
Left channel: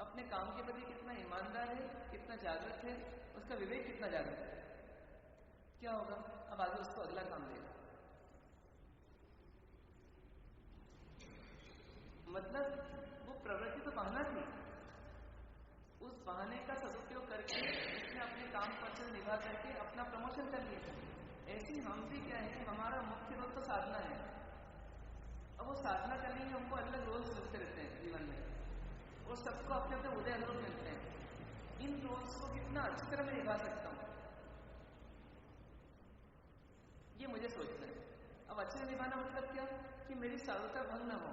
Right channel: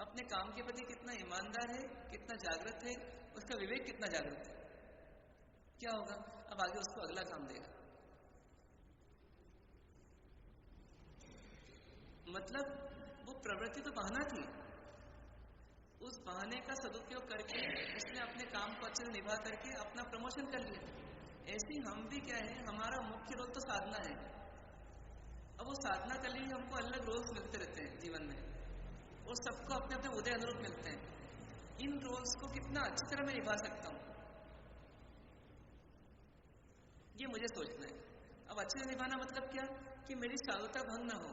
अपने काम के प्रति कितना ईमानदार है, कितना जागृत है, उसका विवेक कितना जागृत है। क्या होगा, अब आगे उसको अगला काम देगा। मतलब वो प्रवृत्ति तो बहाना थी, उस बहाने का सदुपयोग करके उसने अपने काम को अच्छे से निभा करके अपना प्रमोशन कर लिया। ऐसे ही हम भी क्या है, हमारा मुख्य रोल तो साधना है। अब वो साधना के लिए हमको अलग रोल्स मिलते रहते हैं जीवन में, और सबको अपने अपने उदय अनुरूप मिलते हैं। इन रोल्स को कितना अच्छी तरह मैं निभा सकता हूँ, ये मुझे सोचना है। अब अच्छे से निभाना मतलब क्या, कि मेरी साधुता भंग ना हो,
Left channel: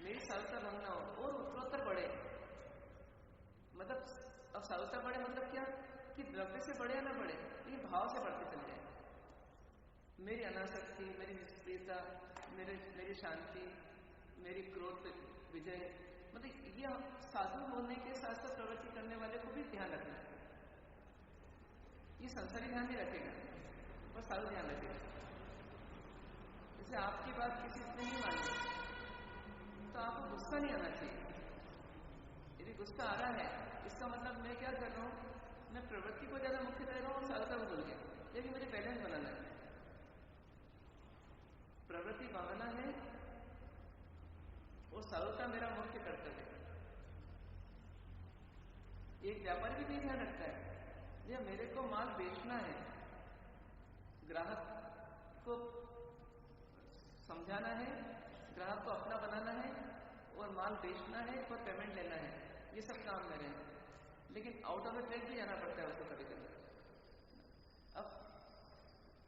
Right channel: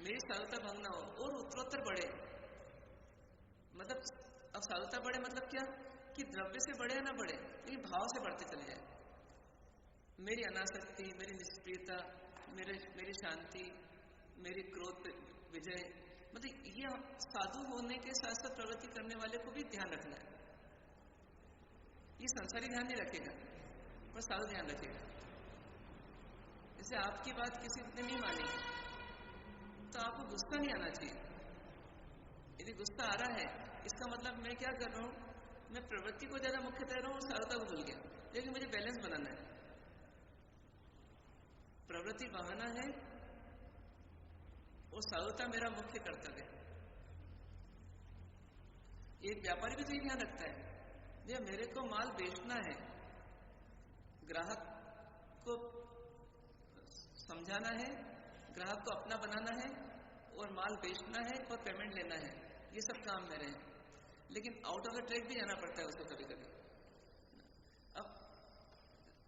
मेरी साधुता भंग ना हो और उत्तरोत्तर बढ़े। मतलब अब साधुता बढ़े मतलब क्या, कि द्रव्य से बढ़े या ना बढ़े, लेकिन भाव से बढ़ते चले जाए। मेरी अनासक्ति, मेरी निष्क्रियता, मेरी शांति, मेरी क्रोध विजय, मतलब ये साधु होने के साथ साथ प्रवृत्ति करने वाले को भी ध्यान रखना है। ये संसारी ध्यान नहीं रखेगा, पर साधु ध्यान रखेगा। जैसे आपकी बात किसी ने नहीं मानी तो आपको गुस्सा नहीं आना चाहिए। यदि गुस्सा आ रहा है, इसका मतलब मैं क्या कर रहा हूँ, मैं प्रवृत्ति को ज्यादा मुख्य दे रहा हूँ और साधुता को भूल गया। लेकिन मुझे बैलेंस बनाना है। प्रवृत्ति बहाना है और साधुता मेरा मुख्य कर्तव्य है। एक व्यापारी भी तो ये ध्यान रखता है, जब मेरे को माल बेचना है, ग्राहक को समझाना है, ग्राहक को अपना बनाना है और माल बेचना है और पेमेंट लेना है, ये सब काम मेरे हैं। लेकिन आउट ऑफ द ट्रैक भी जाना पड़ता है उसको कभी कभी। अब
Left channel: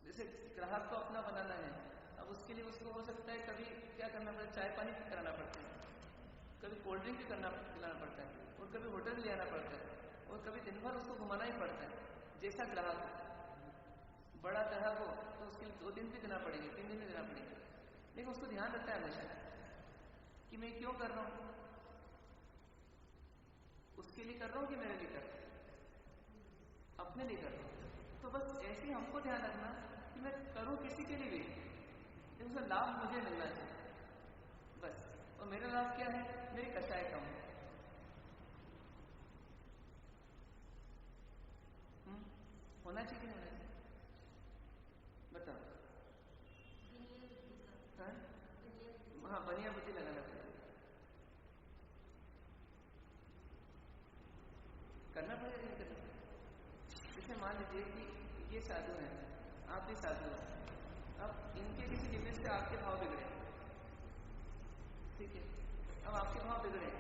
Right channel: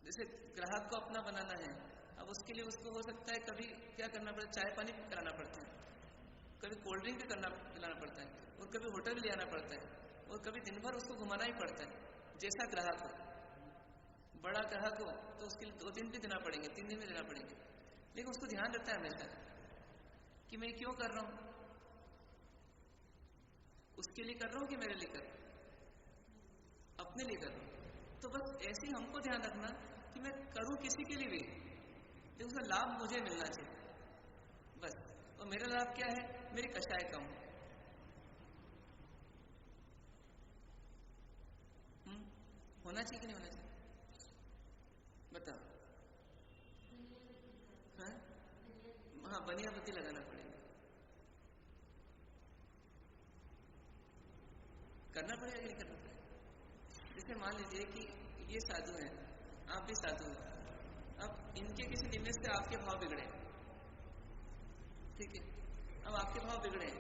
जैसे ग्राहक को अपना बनाना है, अब उसके लिए उसको हो सकता है कभी क्या करना पड़ता है, चाय पानी कराना पड़ता है, कभी कोल्ड ड्रिंक पिलाना पड़ता है, और कभी होटल ले आना पड़ता है, और कभी दिन भर उसको घुमाना ही पड़ता है। जैसा ग्राहक हो, बड़ा ग्राहक हो तो उसके लिए 2 दिन भी देना पड़ेंगे, 3 दिन भी देना पड़ेंगे। लेकिन उसको ध्यान रखता है हमेशा कि मैं क्यों कर रहा हूं, उसके लिए कर रहा हूं कि मेरे लिए कर रहा हूं, अपने लिए कर रहा हूं। तो बस ऐसे ही हमको ध्यान रखना कि मैं करूं किसी के लिए भी, लेकिन उसका लाभ मुझे मिलना चाहिए बस। और मेरा लाभ क्या है, मेरी कष्टाएं कम हो। होना चाहिए कि नहीं होना चाहिए, बताओ। हाँ, बनिया बुद्धि लगाना पड़ेगा, करना पड़ेगा कि नहीं करना पड़ेगा। जैसे मान लीजिए कि ये साधु हैं, आप भी साधु हो, अब इनके किसी निमित्त से आपके भाव बिगड़े, ठीक है। अब आपके भाव बिगड़े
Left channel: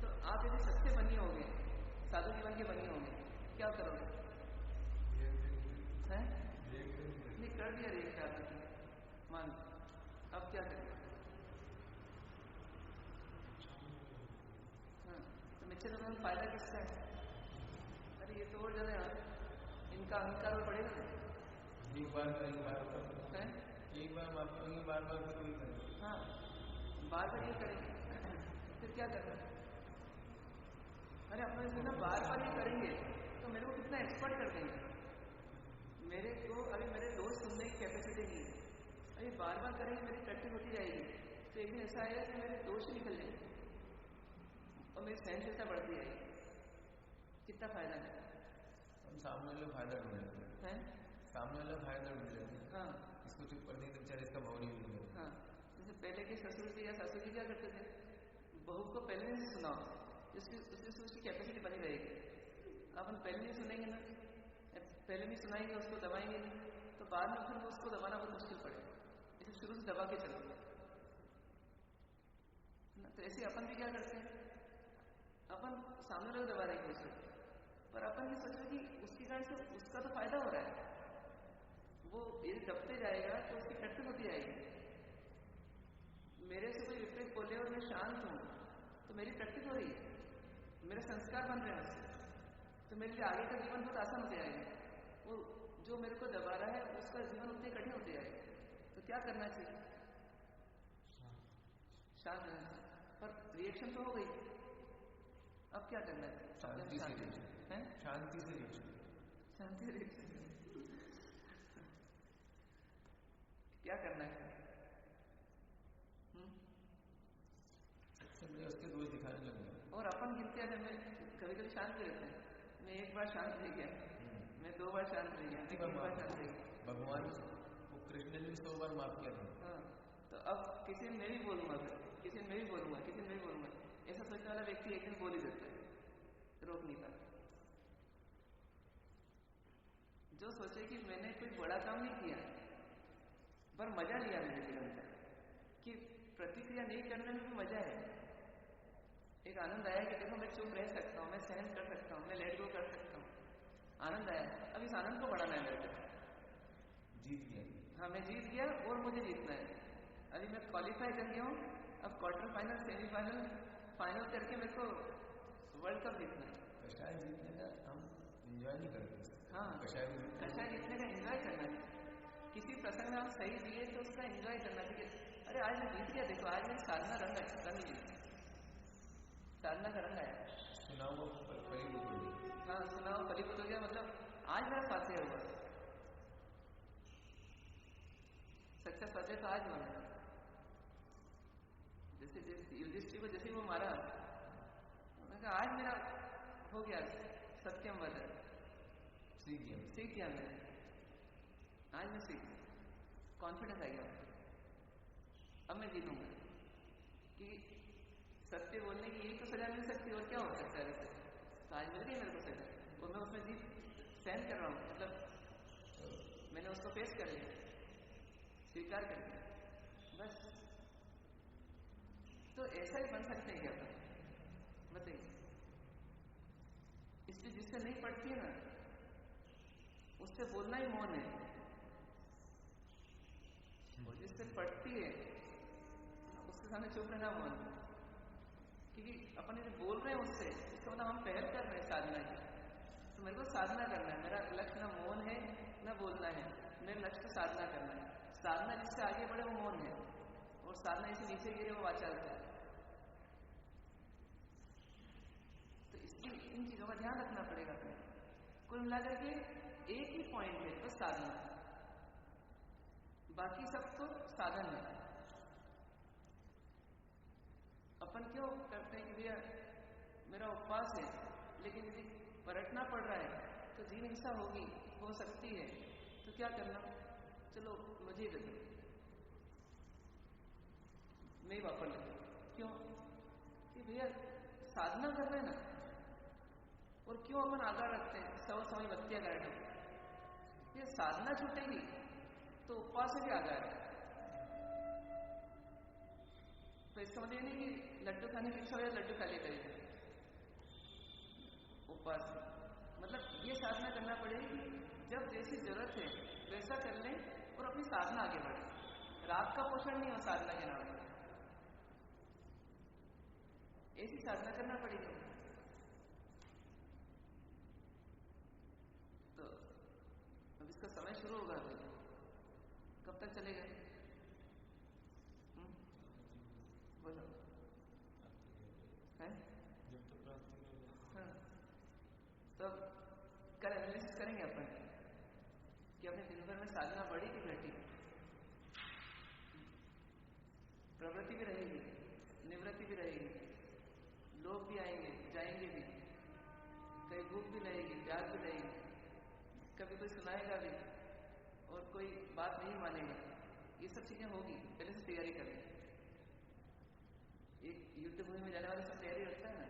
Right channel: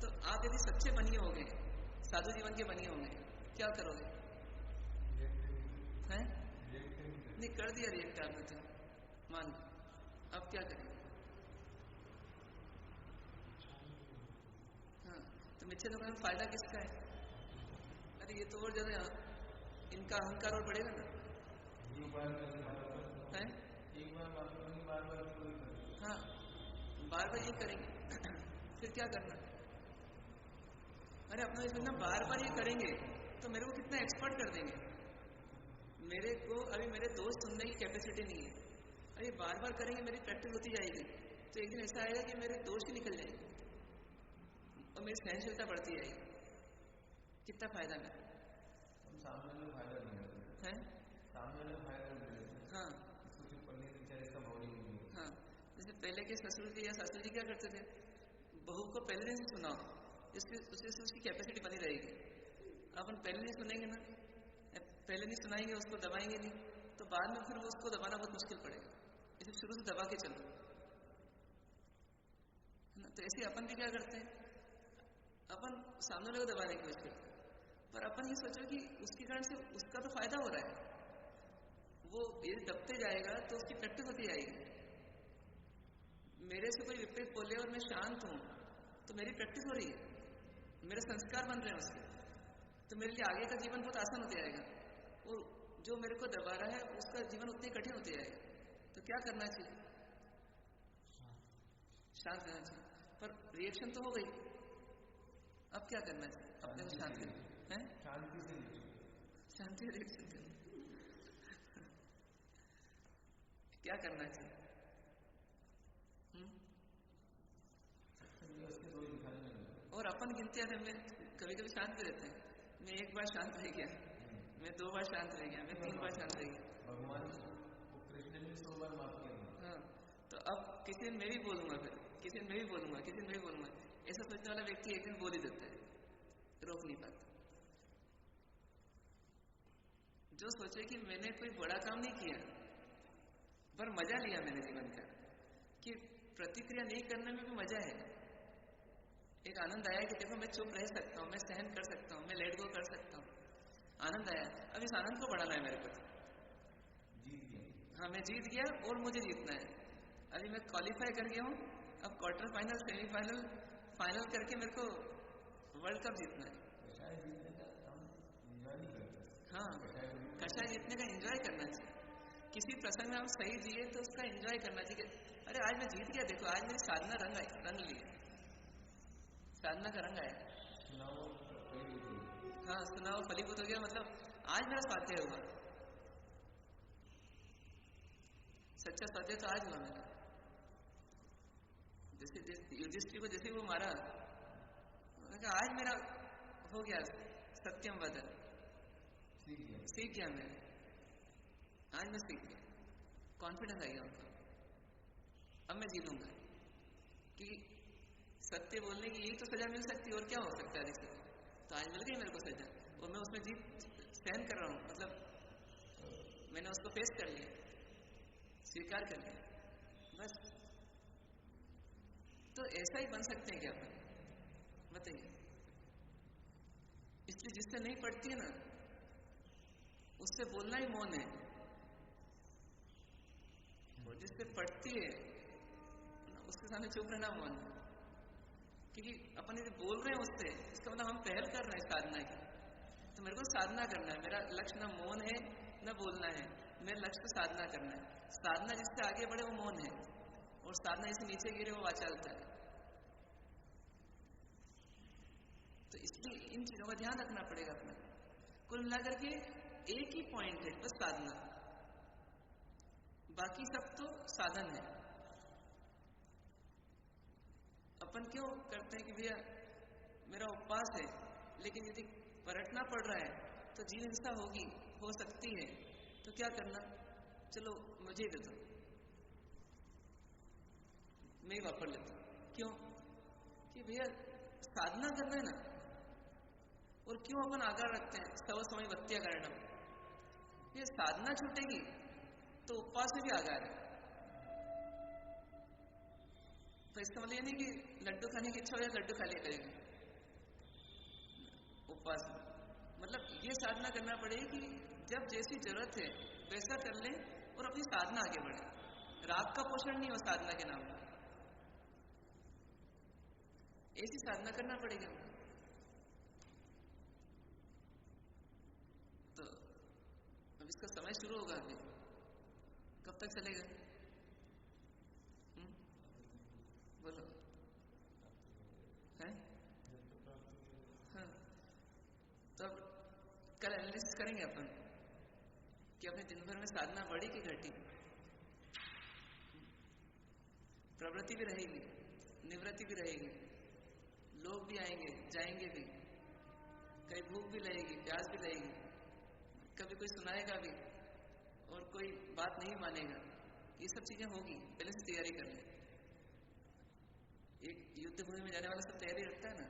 तो आप यदि सच्चे बनिए हो गए, साधु जीवन के बनिए होंगे, क्या करोगे? हैं? नहीं कर दिया रिएक्ट आपने तो, मान अब क्या करेंगे? हाँ, तो मिच्छे तो फायदा किसका है? अरे ये तो और ज्यादा इनका अहंकार और बढ़ेगा ना। एक बार करेंगे, है एक बार माफ करेंगे, बार बार फिर वही करेंगे। हाँ, बार बार ये करेंगे फिर क्या करना। अरे अपना इसमें ना बार बार ये करेंगे तो मेरे को कितना एक्सपर्ट कर देंगे। मेरे को अभी मेरे दोस्त सुनने की कैपेसिटी नहीं है, अभी बार बार करेंगे मेरी प्रैक्टिस होती जाएगी, तो एक दिन ऐसा आएगा कि मेरे दोष ही निकल जाएंगे और मेरी सहनशीलता बढ़ती जाएगी। कितना फायदा मेरा। हम सामने वाले फायदा ढूंढ लेते हैं, सामने वाले फायदा ढूंढ लेते हैं। हाँ इसको चुप कर देंगे तो बेचारे इसका भाव नहीं मिलेगा। हाँ, जैसे पहले के ससुर जी या सासू जी क्या करते थे, बहू को पहले दिन से सुनाओ, उसकी कैपेसिटी बनी रहेगी। अपन पहले नहीं सुनेंगे ना, पहले नहीं सुनाएंगे, उसको दबाएंगे नहीं, तो बाद में फिर वो उसको दबाना बहुत मुश्किल पड़ेगा। इसे शुरू से दबा के चलो, है ना। तो ऐसे अपन भी क्या करते हैं, अपन सामने वाले को दबाने की कोशिश करते हैं, पर अपन ये सोचो कि उसके कारण से उसका तो फायदा हो रहा है। वो यदि दबते जाएगा तो उसकी प्रैक्टिस होती जाएगी। मेरे से कोई विपरीत बोले और मैं शांत हूं तो मेरी प्रैक्टिस हो रही है, मेरे संस्कार बन रहे हैं उसके, तो मेरे लिए आगे का जीवन बहुत आसान होते जाएगा। और जो मेरे को दबा रहा है उसका जीवन उतने कठिन होते जाएगा। तो क्या करना चाहिए, शांत रहना चाहिए। पर रिएक्शन तो हो गई, अब क्या करना चाहिए, अपने शांति है, शांति से शांति रिएक्शन क्या करना चाहिए। उसके दोष दिखाने लगे। और अपन गिनते हैं, मैं कभी कभी शांत भी रहते हैं, मैं एक बार शांत रह गया, मैं 2 बार शांत रह गया, मैं 3 बार शांत रह गया। भगवान को कृष्ण ने 100 बार माफ किया था। हाँ, तो अब किसी दिन मैं भी बोलूंगा, फिर किसी दिन मैं भी बोलूंगा, किसी दिन मैं भी बोलूंगा। ऐसा सोचने वाला व्यक्ति एक दिन बोल ही देता है, रोक नहीं पाता। जो सोचे कि मैंने कोई बड़ा काम नहीं किया पर मजा लिया मैंने जीवन का, कि प्रतिक्रिया नहीं करने में भी मजा है, एक आनंद आया कि देखो मैं चुप रह सकता हूँ, मैं सहन कर सकता हूँ, मैं लेट गो कर सकता हूँ, आनंद आया। अब इस आनंद को बढ़ाना है मेरे को, जीत गया। हाँ मैं जीत गया और मुझे जीतना है। अभी मैं क्वालिफाई कर गया हूँ, अब क्वार्टर फाइनल, सेमीफाइनल, फाइनल करके मेरे को वर्ल्ड कप जीतना है। कषाय जीतने का हम एंजॉय नहीं करते। हाँ, कषाय जीतने का एंजॉय करना चाहिए। किसी प्रसंग में हम सही जिए तो उसका एंजॉय करना चाहिए। अरे आज मैं जीत गया, देखो आज मेरी साधना रंग ली, साधना का रंग आया। सुनाओ फलीभूत हो गया। हाँ, सुनाओ फलीभूत हो गया, मतलब आज मेरा स्वाध्याय हुआ, सच्चा स्वाध्याय तो आज हुआ मेरा। जैसे युधिष्ठिर को जैसे वो मारा, आज मेरा हो गया सत्यम वदन, सीख गया मैं, आज मैं सीख गया, कॉन्फिडेंस आ गया उनको, अब मैं जीतूंगा। कि सत्य बोलने की यही तो सजा मिल सकती है, और क्या हो सकता है अधिक सजा। तो आज मिल गई मेरे को सजा, और मैं उसमें जीत सहन कर रहा हूँ, मतलब मैंने उसको फेस कर लिया, स्वीकार कर लिया, बस। तो ऐसा ही बन सकते हैं क्या अपन, बताइए। इसलिए जिससे नहीं पड़ती है ना, उससे बोलना ही मौन है, और जिससे पड़ती है उसके सामने चुप रहना मौन है। क्योंकि अपन यदि बोल रहे हैं उससे, इसका मतलब हम पहल कर रहे हैं साधना की। तो मेरे को साधना करना है, मेरा लक्ष्य ना मौन है ना बोलना है, मेरा लक्ष्य तो साधना करना है। साधना जिससे आगे बढ़े वो मौन है, और साधना जिससे नीचे गिरे वो वाचालता है। तो इसलिए इन चीजों का ध्यान रखना पड़ेगा अपने। कुल मिलाकर के एक ही पॉइंट है बस, साधना, बाकी सब तो साधन है। अपन क्यों करते हैं कि भैया मेरा उपवास है, लेकिन यदि पलटना पड़ रहा है तो जीव हिंसा होगी, हो सकती है, तो क्या करना, चलो मुझे ही दे दो, मैं ही वापर लेता हूं। क्यों, कि भैया साधना कर रहे हैं ना, और क्यों अपन आगार रखते हैं सव समय बत्तियां काटो, ये साधना छूटेगी तो उपवास में भी आगार है। तो इसका मतलब ये नहीं कि लड्डू खाने की इच्छा हो जाए लड्डू खा लिया करेगा उपवास में, मतलब ये साधना करना पड़ेगी कि जब जैसी जरूरत है वैसा कर लें और अपनी साधना आगे बढ़े। राग का पोषण नहीं हो साधना के नाम पर, ऐसी साधना करना पड़ेगी हमको। तो उसका समय शुरू होगा अभी, कब तक चलेगा? बोलो है? हाँ, तो अब कल एनालिसिस करेंगे अपन कि अपने दिन भर में साधना बढ़ी कि घटी। प्रवृत्ति भी रहेगी, निवृत्ति भी रहेगी, लोग भी आएंगे जाएंगे भी, कहीं भूख भी लगेगी, प्यास भी लगेगी, कभी कोई सुनाएगा भी और कोई बात नहीं मानेगा। ये सब चीजें होगी, पहले से तैयारी कर ले। एक युद्ध भूमि में जाने वाला सब तैयारी रखता है ना,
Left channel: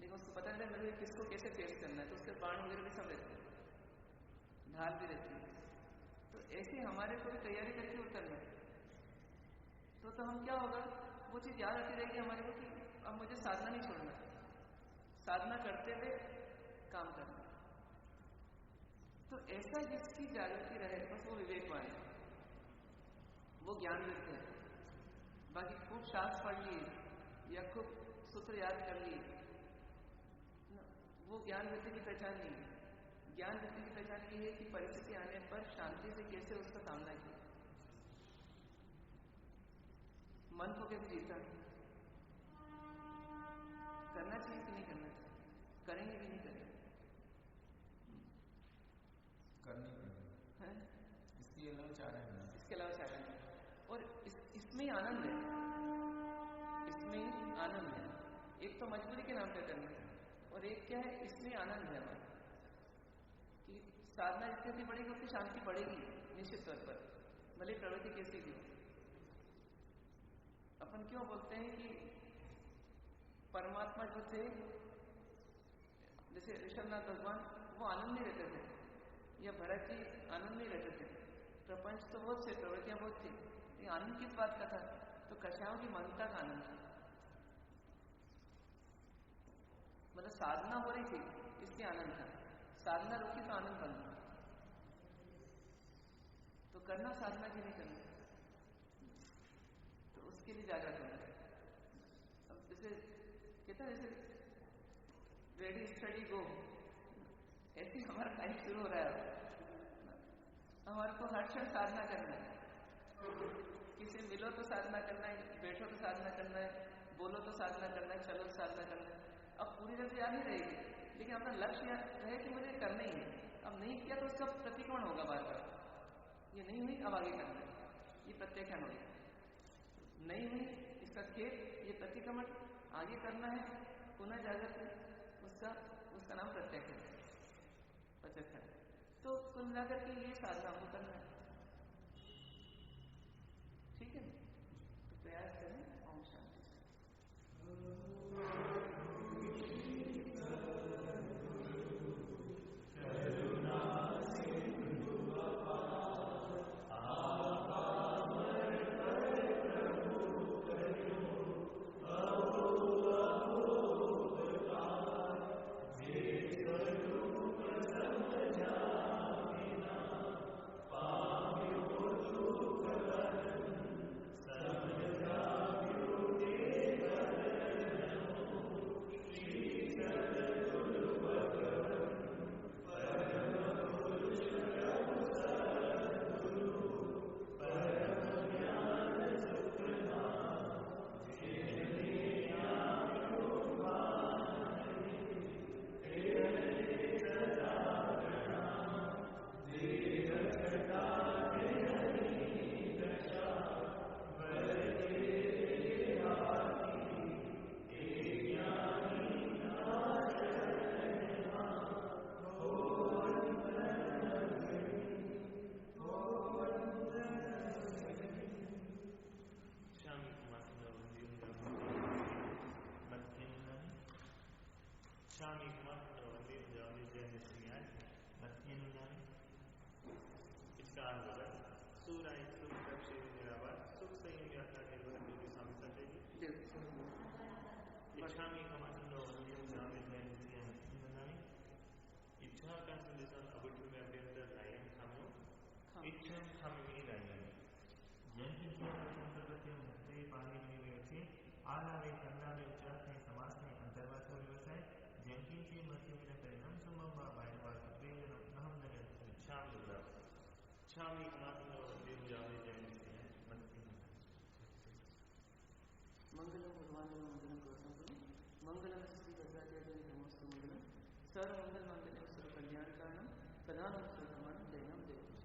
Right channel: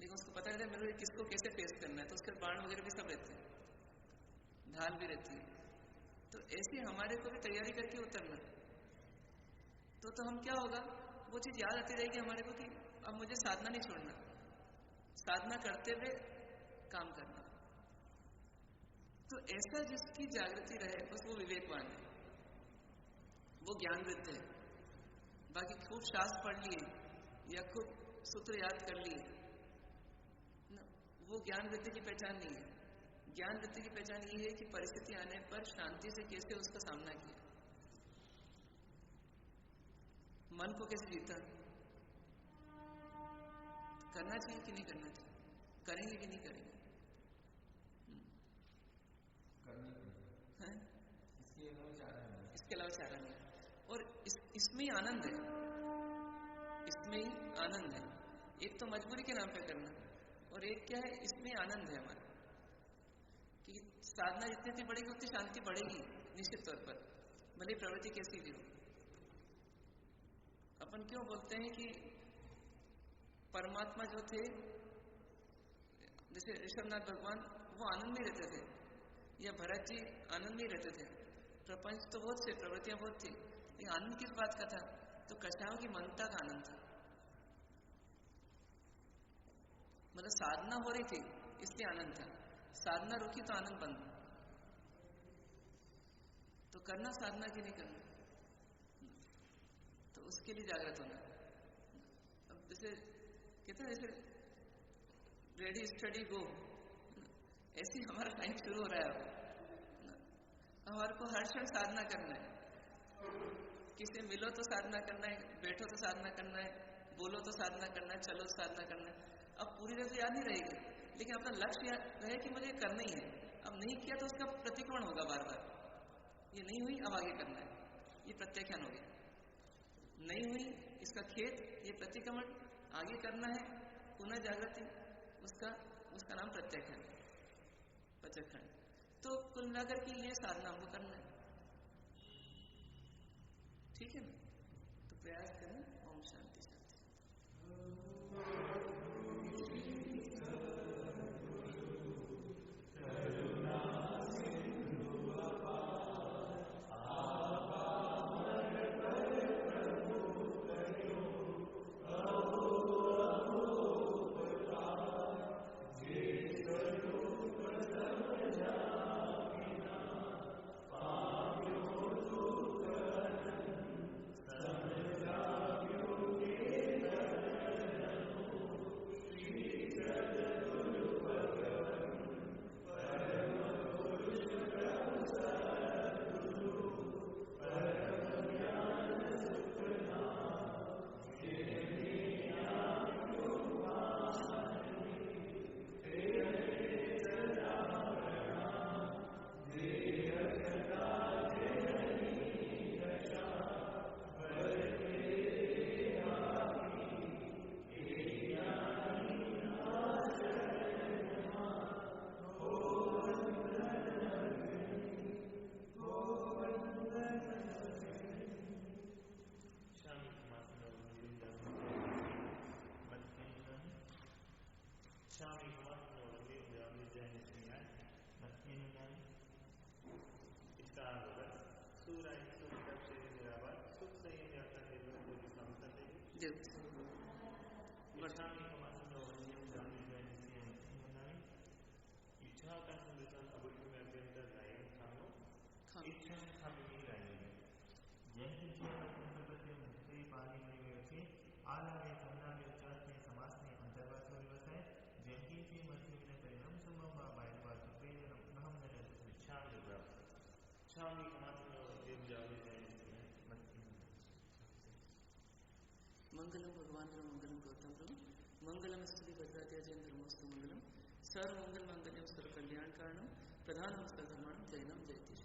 लेकिन उसको पता नहीं मेरे को किसको कैसे फेस करना है, तो उसके बाण वगैरह भी सब रहते हैं, ढाल भी रहती है। तो ऐसे हमारे को भी तैयारी करके उतरना, तो हम क्या होगा, वो चीज याद आती रहेगी हमारे को कि अब मुझे साधना नहीं छोड़ना, साधना करते हुए काम करना। तो ऐसा जिसकी जागृति रहे बस वो विवेकवान है, वो ज्ञानवृत्त है। बाकी खूब शास्त्र पढ़ लिए या खूब सूत्र याद कर लिए, वो ज्ञान वृत्ति की पहचान नहीं है। ज्ञान वृत्ति की पहचान ये है कि परिस्थिति आने पर शांति से कैसे उसका सामना किया, मन को कैसे जीता, करना चाहिए कि नहीं करना चाहिए, करेंगे कि नहीं करेंगे, करनी है, इसके अलावा चारा नहीं। और इसमें ही आनंद है, इसमें ही आनंद है। एक तो मजबूरी के नाम पे करना, और एक क्या है, इसमें आनंद है हमारा कि साधना जितनी बढ़ेगी उतनी शांति बढ़ेगी निश्चित तौर पर, भले प्रवृत्ति कैसी भी हो। अपन क्यों बोलते हैं कि परमात्मा जो थे, जैसे ऋषभनाथ भगवान, वो आनंद में रहते थे, या भरत जी आनंद में रहते थे। प्रपंच तो बहुत थे, प्रवृत्तियां बहुत थी, लेकिन आनंद किस बात का था? तो कषायों की मनता का आनंद था। मतलब साधना हो रही थी इसलिए आनंद था, साधना रुकी तो आनंद बंद। तो करना साधना की नहीं करना, तो उसके लिए जागृत होना। अब जैसे कहते हैं, जैसे रेडी स्टडी गो, ऐसे ही हमारा टाइम शुरू हो रहा है। हमारे को हर क्षण साधना करना है, किसी मिलो तो साधना करना है, बैठो तो साधना करना है, बोलो तो साधना करना है, चलो तो साधना करना है। अब पूरी तरह से याद नहीं रहेगी, लेकिन अपना लक्ष्य है कि मुझे करना ही है। अब नहीं किया तो उसका प्रतिक्रमण होगा बार बार, ये नहीं हुई अब आगे करना है, ये प्रत्याख्यान हो गया। नहीं हुई इसका खेद, ये प्रतिक्रमण, आगे करना है, पुनः जागृति, उसका नाम प्रत्याख्यान, पचखंड। तो कुल मिलाकर के ये साधना हमको करना है, ठीक है ना? तो प्रयास करें। ओम शांति शांति। मंगलम भगवान मंगलम गौतम प्रभु मंगलम श्री भद्राध्याय जैन धर्मोस्तु मंगलम सर्व मंगल मंगल्यम सर्व कल्याण कारणम प्रधानम सर्व धर्माणम जैनम जयति।